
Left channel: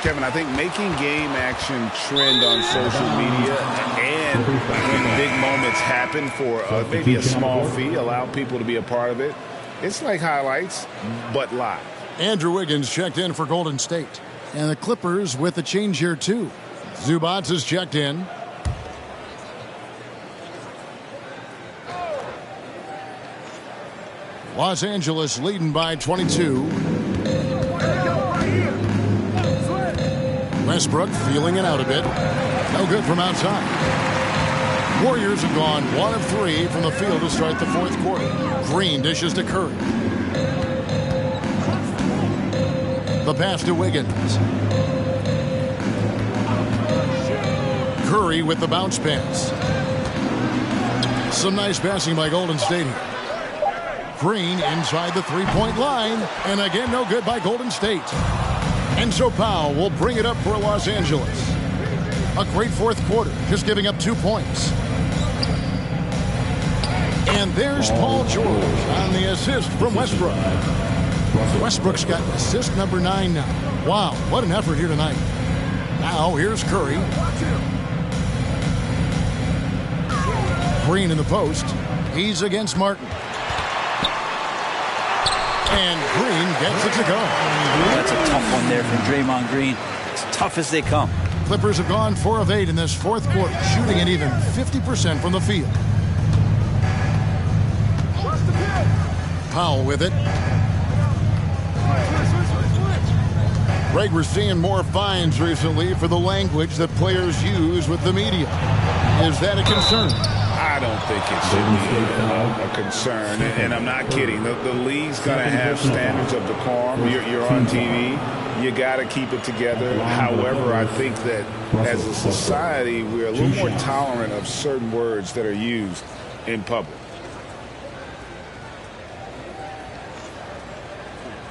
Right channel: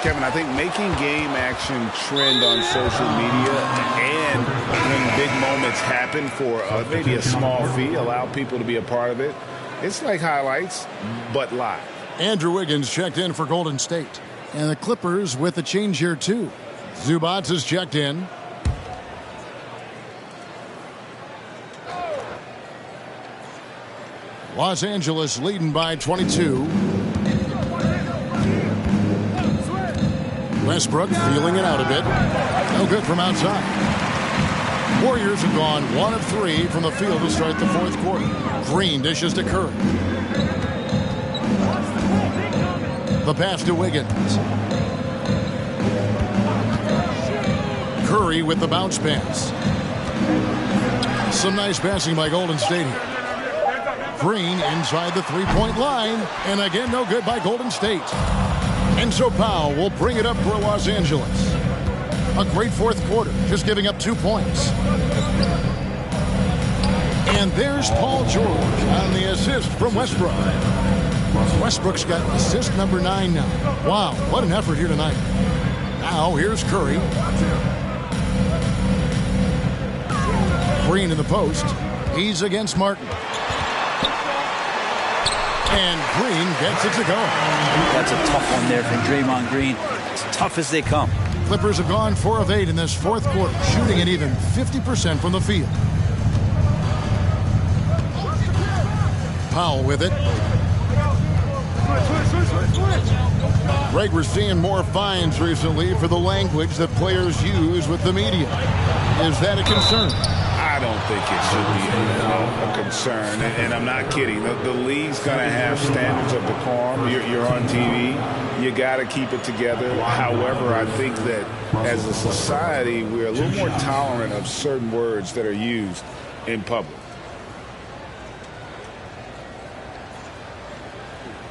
Kevin, I think making game action trend on social media and when big moments happen for maybe a small fee, allow people to be a part of it. It's like highlights, but live. Andrew Wiggins checked in for Golden State. And the Clippers with a change here, too. Zubac is checked in. Los Angeles leading by 22. Westbrook feeling it out a bit. No good from outside. Warriors have gone 1 of 3 from the field to start the fourth quarter. Green dishes to Curry. The pass to Wiggins. Curry with the bounce pass. Some nice passing by Golden State here. Green inside the three-point line. And again, no good by Golden State. And so Powell will bring it up for Los Angeles. A great fourth quarter, just giving up 2 points. And there's Paul George on the assist from Westbrook. Westbrook's got assist number 9 now. Wow, what an effort here tonight. Now here's Curry. Green in the post. He's against Martin. And Green gets it to go. That's a tough one there from Draymond Green. As tough as they come. Clippers have gone 4 of 8 in this fourth quarter, shooting at even 50% from the field. Powell with it. Greg, we're seeing more fines recently for the language that players use with the media. Is that a concern? I don't think it should be a concern, and I'm not kidding. The league's going to have standards of decorum. You're on TV. You got to keep it together. However, I think that as a society, we're a little more tolerant of certain words that are used in public.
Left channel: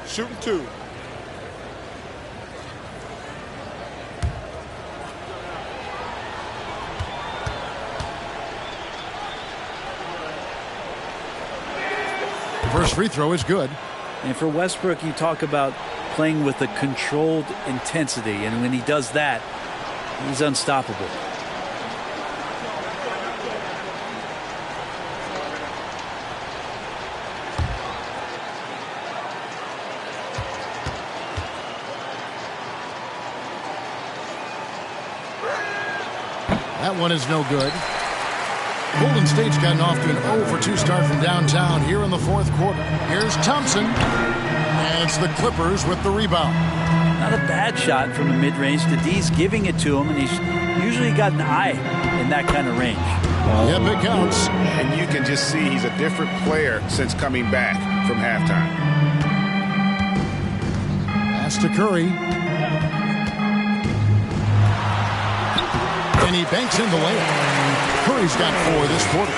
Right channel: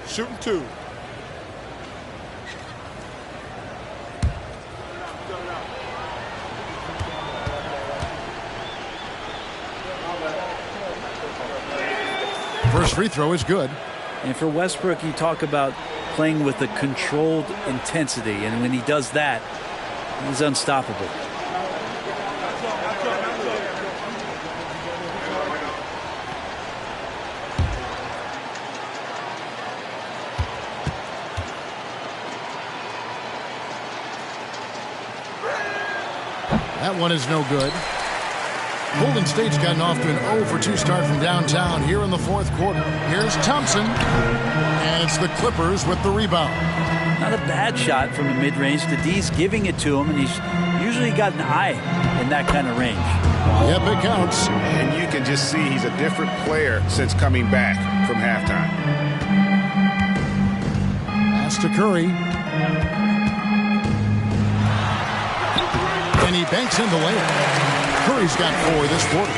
Shooting 2. First free throw is good. And for Westbrook, you talk about playing with a controlled intensity. And when he does that, he's unstoppable. That one is no good. Golden State's gotten off to an 0-for-2 start from downtown here in the fourth quarter. Here's Thompson, and it's the Clippers with the rebound. Not a bad shot from the mid-range. The D's giving it to him, and he's usually got an eye in that kind of range. Yep, it counts. And you can just see he's a different player since coming back from halftime. Pass to Curry. And he banks in the layup. Curry's got 4 this quarter.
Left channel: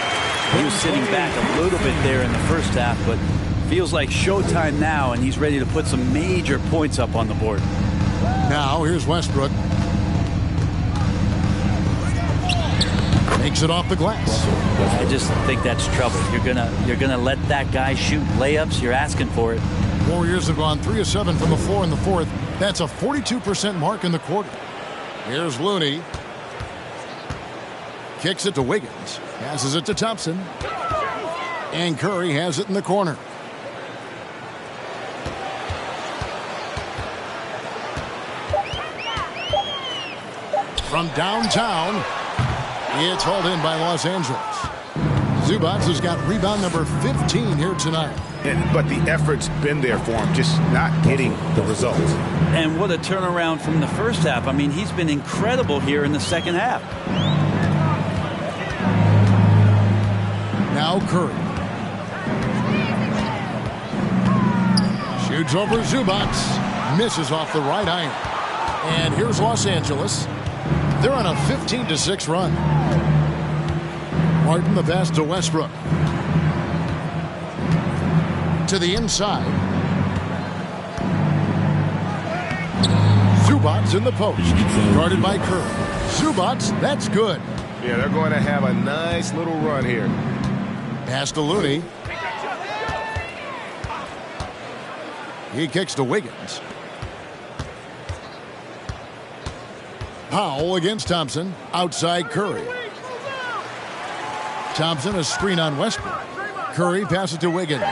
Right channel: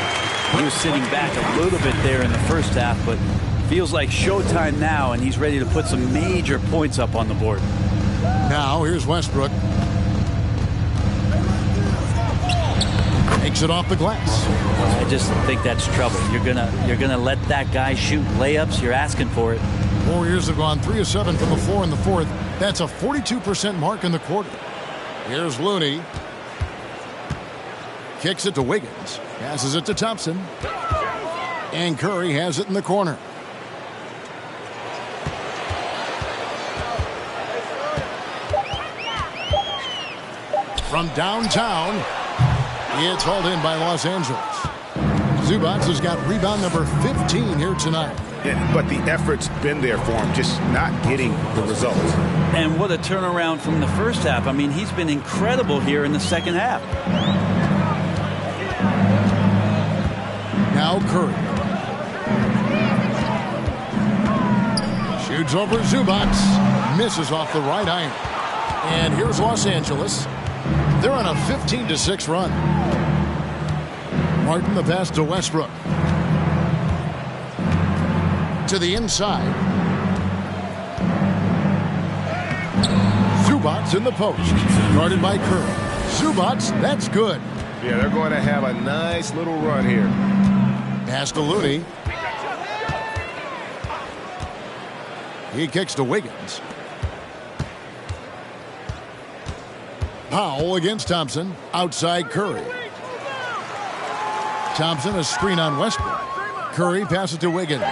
He was sitting back a little bit there in the first half, but feels like showtime now, and he's ready to put some major points up on the board. Now here's Westbrook. Makes it off the glass. I just think that's trouble. You're gonna let that guy shoot layups. You're asking for it. Warriors have gone 3 of 7 from the floor in the fourth. That's a 42% mark in the quarter. Here's Looney. Kicks it to Wiggins. Passes it to Thompson. And Curry has it in the corner. From downtown, it's hauled in by Los Angeles. Zubac has got rebound number 15 here tonight. But the effort's been there for him, just not getting the results. And what a turnaround from the first half. I mean, he's been incredible here in the second half. Now Curry. Shoots over Zubac. Misses off the right iron. And here's Los Angeles. They're on a 15-6 run. Martin the pass to Westbrook. To the inside. Zubac in the post. Guarded by Curry. Zubac, that's good. Yeah, they're going to have a nice little run here. Pass to Looney. He kicks to Wiggins. Powell against Thompson. Outside Curry. Thompson a screen on Westbrook. Curry passes to Wiggins.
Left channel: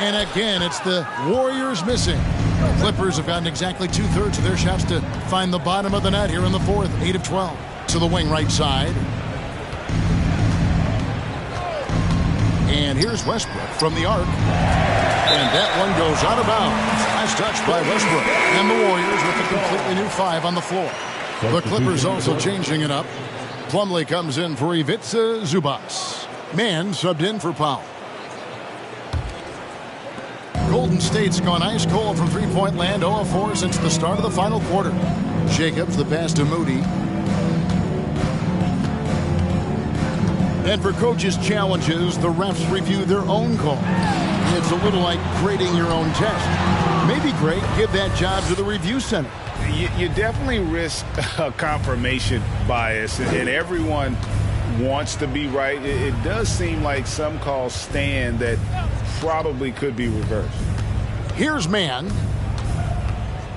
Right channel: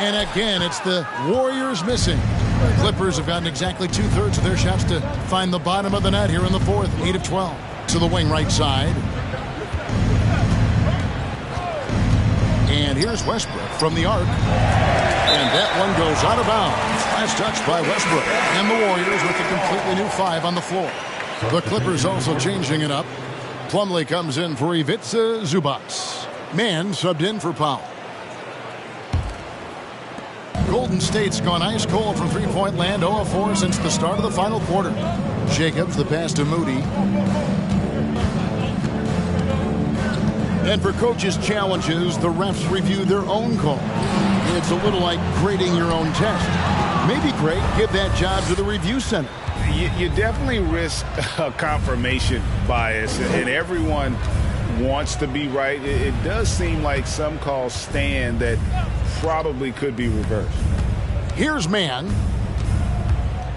And again, it's the Warriors missing. The Clippers have gotten exactly 2/3 of their shots to find the bottom of the net here in the fourth. 8 of 12. To the wing right side. And here's Westbrook from the arc. And that one goes out of bounds. Last touch by Westbrook. And the Warriors with a completely new 5 on the floor. The Clippers also changing it up. Plumlee comes in for Ivica Zubac. Mann subbed in for Powell. Golden State's gone ice cold from three-point land. 0 of 4 since the start of the final quarter. Jacobs the pass to Moody. And for coaches' challenges, the refs review their own call. It's a little like grading your own test. Maybe, Greg, give that job to the review center. You definitely risk a confirmation bias, and everyone wants to be right. It does seem like some calls stand that probably could be reversed. Here's man.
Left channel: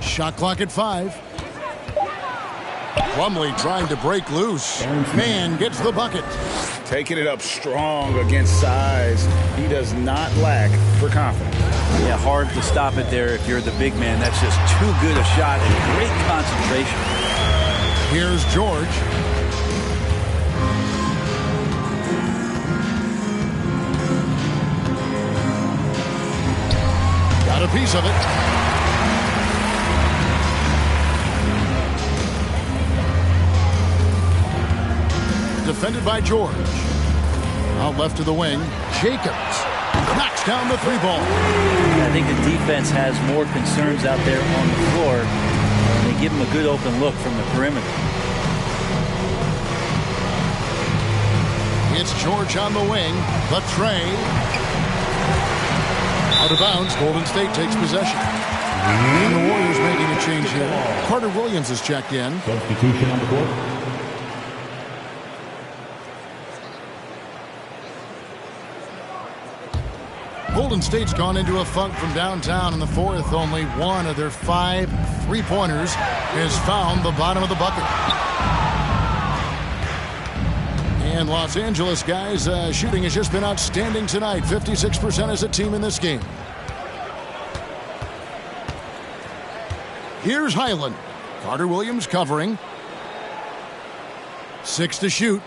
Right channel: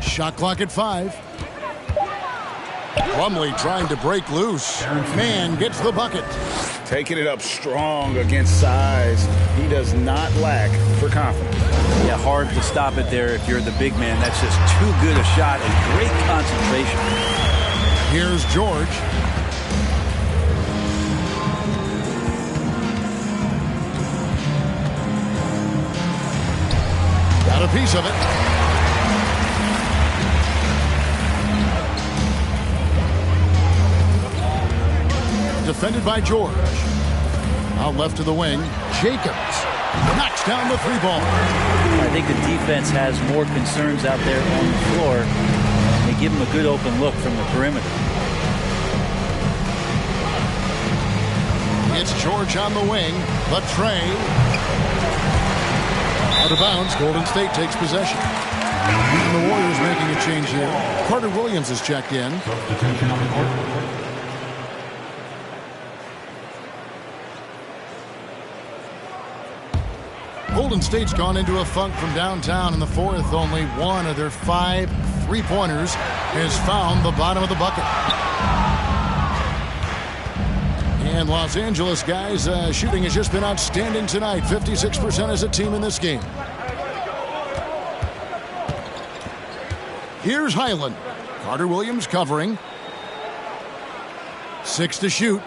Shot clock at 5. Plumlee trying to break loose. Man gets the bucket. Taking it up strong against size. He does not lack for confidence. Yeah, hard to stop it there if you're the big man. That's just too good a shot and great concentration. Here's George. Got a piece of it. Defended by George. Out left to the wing. Jacobs knocks down the 3-ball. I think the defense has more concerns out there on the floor, and they give him a good open look from the perimeter. It's George on the wing. The tray. Out of bounds. Golden State takes possession. And the Warriors making a change here. Carter Williams is checked in. Substitution on the court. Golden State's gone into a funk from downtown in the fourth. Only one of their 5 3-pointers has found the bottom of the bucket. And Los Angeles, guys, shooting has just been outstanding tonight. 56% as a team in this game. Here's Highland. Carter Williams covering. 6 to shoot.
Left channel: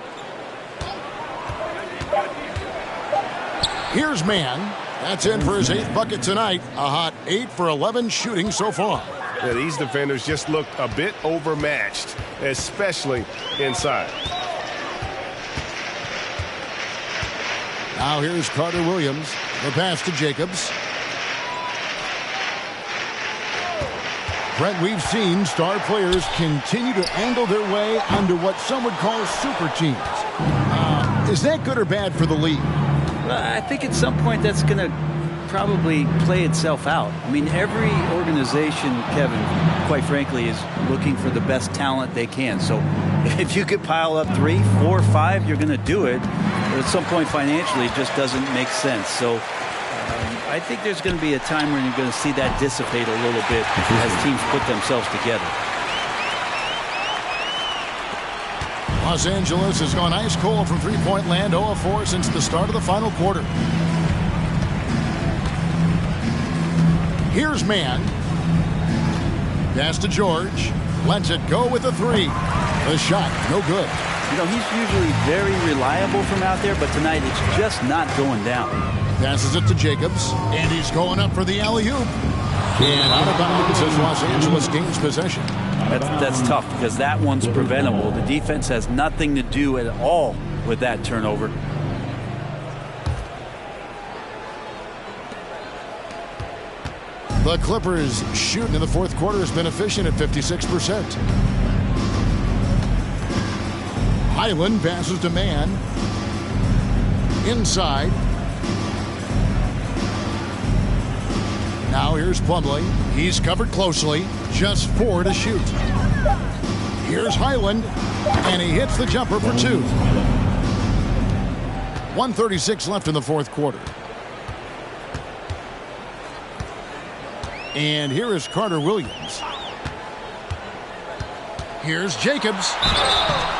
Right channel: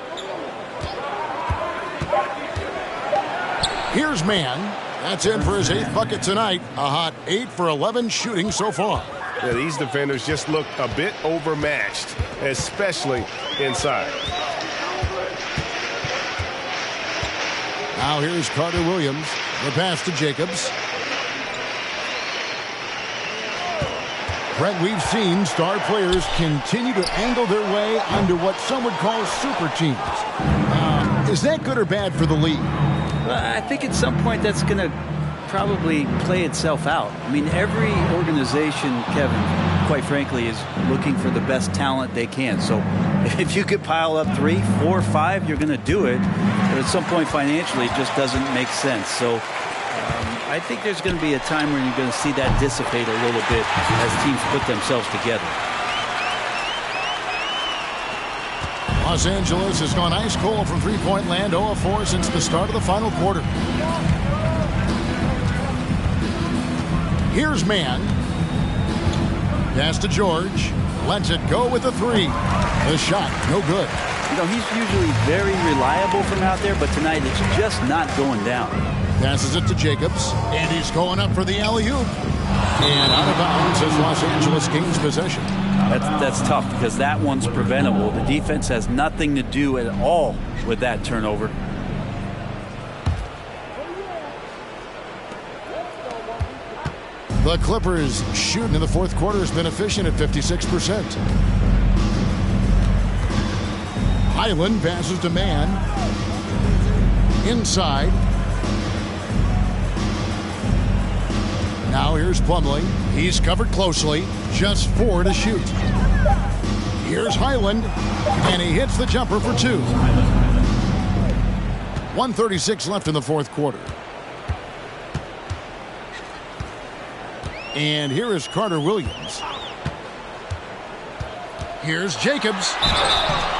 Here's Mann. That's in for his 8th bucket tonight. A hot 8 for 11 shooting so far. Yeah, these defenders just look a bit overmatched, especially inside. Now here's Carter Williams. The pass to Jacobs. Brent, we've seen star players continue to angle their way onto what some would call super teams. Is that good or bad for the league? Well, I think at some point that's going to probably play itself out. I mean, every organization, Kevin, quite frankly, is looking for the best talent they can. So if you could pile up 3, 4, 5, you're going to do it. But at some point financially, it just doesn't make sense. So I think there's going to be a time when you're going to see that dissipate a little bit as teams put themselves together. Los Angeles has gone ice cold from three-point land, 0 of 4 since the start of the final quarter. Here's Mann. Pass to George. Lets it go with a 3. The shot, no good. You know, he's usually very reliable from out there, but tonight it's just not going down. Passes it to Jacobs, and he's going up for the alley-oop. And out of bounds as Los Angeles gains possession. That's tough because that one's preventable. The defense has nothing to do at all with that turnover. The Clippers shooting in the fourth quarter has been efficient at 56%. Highland passes to Mann. Inside. Now here's Plumlee. He's covered closely. Just 4 to shoot. Here's Highland. And he hits the jumper for 2. 1:36 left in the fourth quarter. And here is Carter Williams. Here's Jacobs.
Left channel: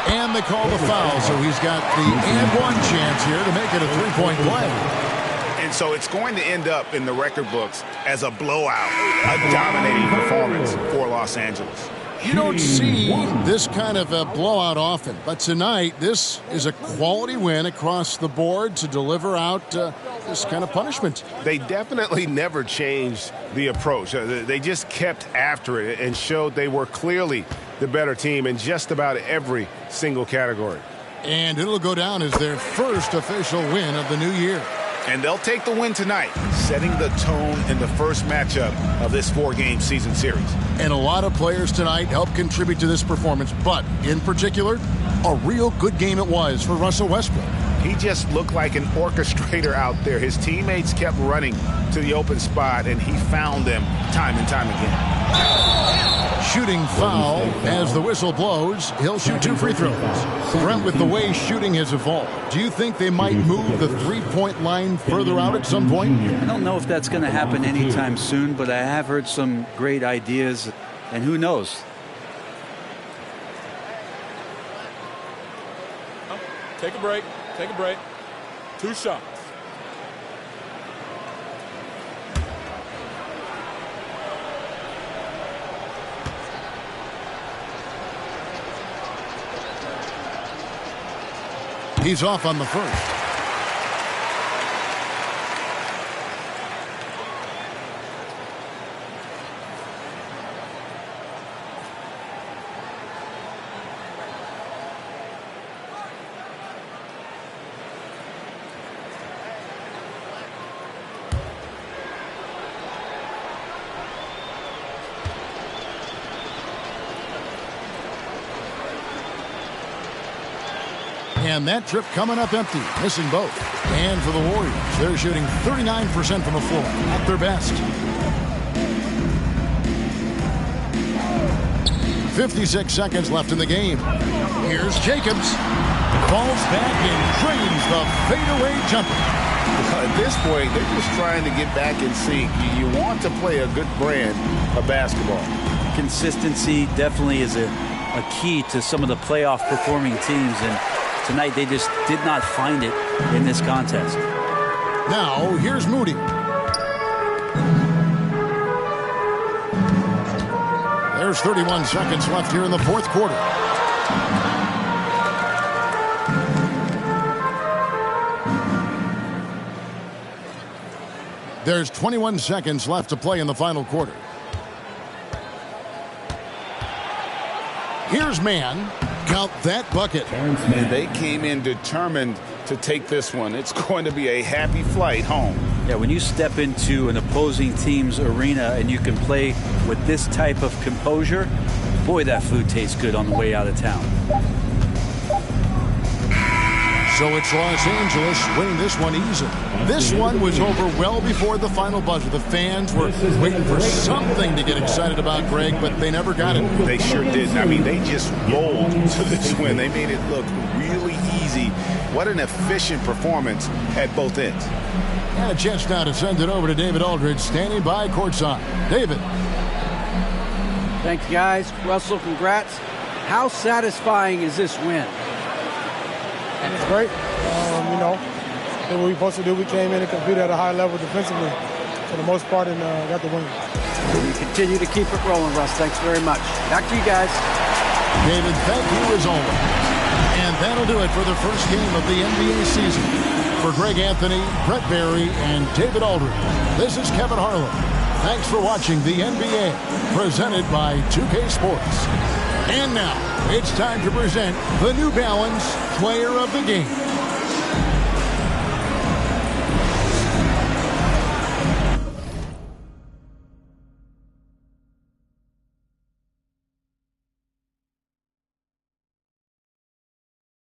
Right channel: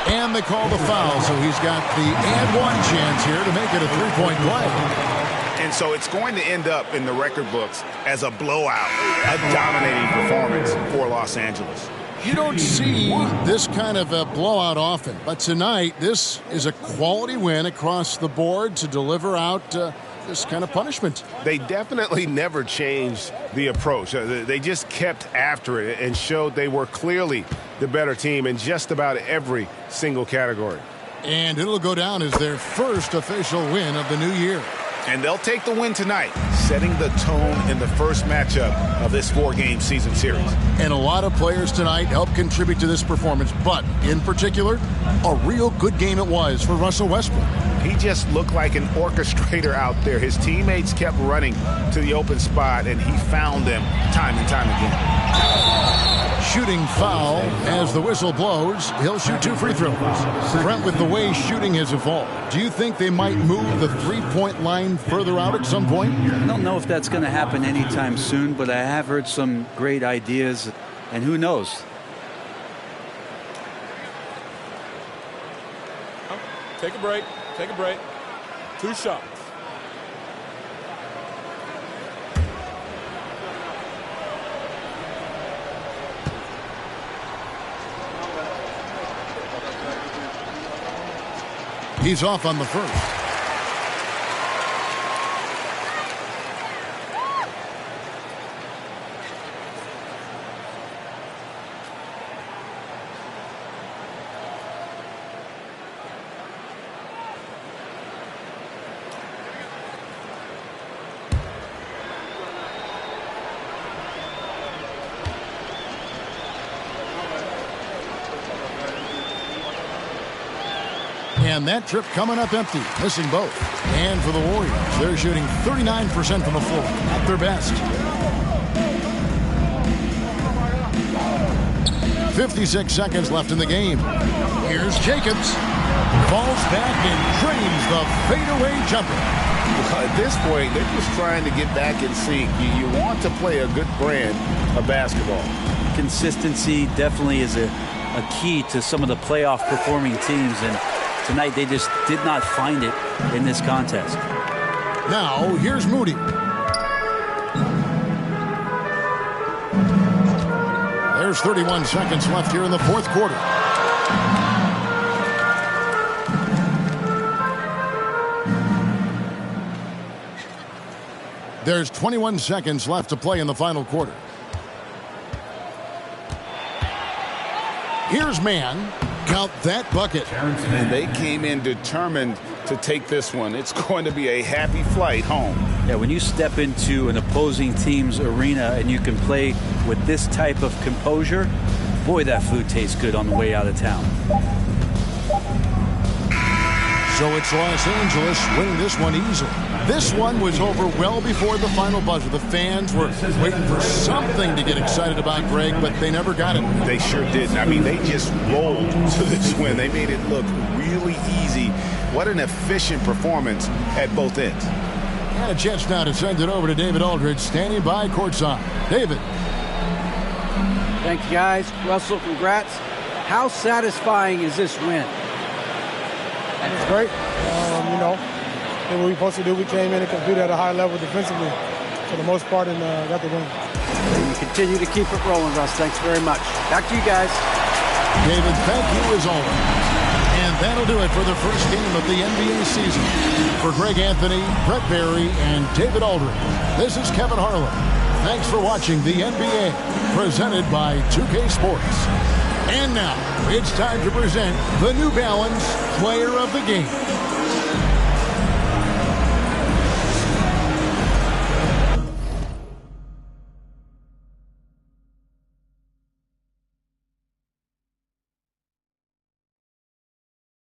And they call the foul, so he's got the and one chance here to make it a 3-point play. And so it's going to end up in the record books as a blowout, a dominating performance for Los Angeles. You don't see this kind of a blowout often, but tonight this is a quality win across the board to deliver out this kind of punishment. They definitely never changed the approach. They just kept after it and showed they were clearly the better team in just about every single category. And it'll go down as their first official win of the new year. And they'll take the win tonight, setting the tone in the first matchup of this 4-game season series. And a lot of players tonight helped contribute to this performance, but in particular, a real good game it was for Russell Westbrook. He just looked like an orchestrator out there. His teammates kept running to the open spot, and he found them time and time again. shooting foul. As the whistle blows, he'll shoot 2 free throws. Brent, with the way shooting has evolved, do you think they might move the three-point line further out at some point? I don't know if that's going to happen anytime soon, but I have heard some great ideas, and who knows? Take a break. Take a break. 2 shots. He's off on the first. And that trip coming up empty, missing both. And for the Warriors, they're shooting 39% from the floor, at their best. 56 seconds left in the game. Here's Jacobs. Falls back and drains the fadeaway jumper. At this point, they're just trying to get back in sync. You want to play a good brand of basketball. Consistency definitely is a key to some of the playoff performing teams, and tonight they just did not find it in this contest. Now, here's Moody. There's 31 seconds left here in the fourth quarter. There's 21 seconds left to play in the final quarter. Here's Mann. Count that bucket. And they came in determined to take this one. It's going to be a happy flight home. Yeah, when you step into an opposing team's arena and you can play with this type of composure, boy, that food tastes good on the way out of town. So it's Los Angeles winning this one easily. This one was over well before the final buzzer. The fans were waiting for something to get excited about, Greg, but they never got it. They sure didn't. I mean, they just rolled to this win. They made it look really easy. What an efficient performance at both ends. And a chance now to send it over to David Aldridge, standing by courtside. David. Thanks, guys. Russell, congrats. How satisfying is this win? It's great. Did what we were supposed to do. We came in and competed at a high level defensively for the most part and got the win. And you continue to keep it rolling, Russ. Thanks very much. Back to you guys. David, thank you as always. And that'll do it for the first game of the NBA season. For Greg Anthony, Brett Barry, and David Aldridge, this is Kevin Harlan. Thanks for watching the NBA, presented by 2K Sports. And now, it's time to present the New Balance Player of the Game.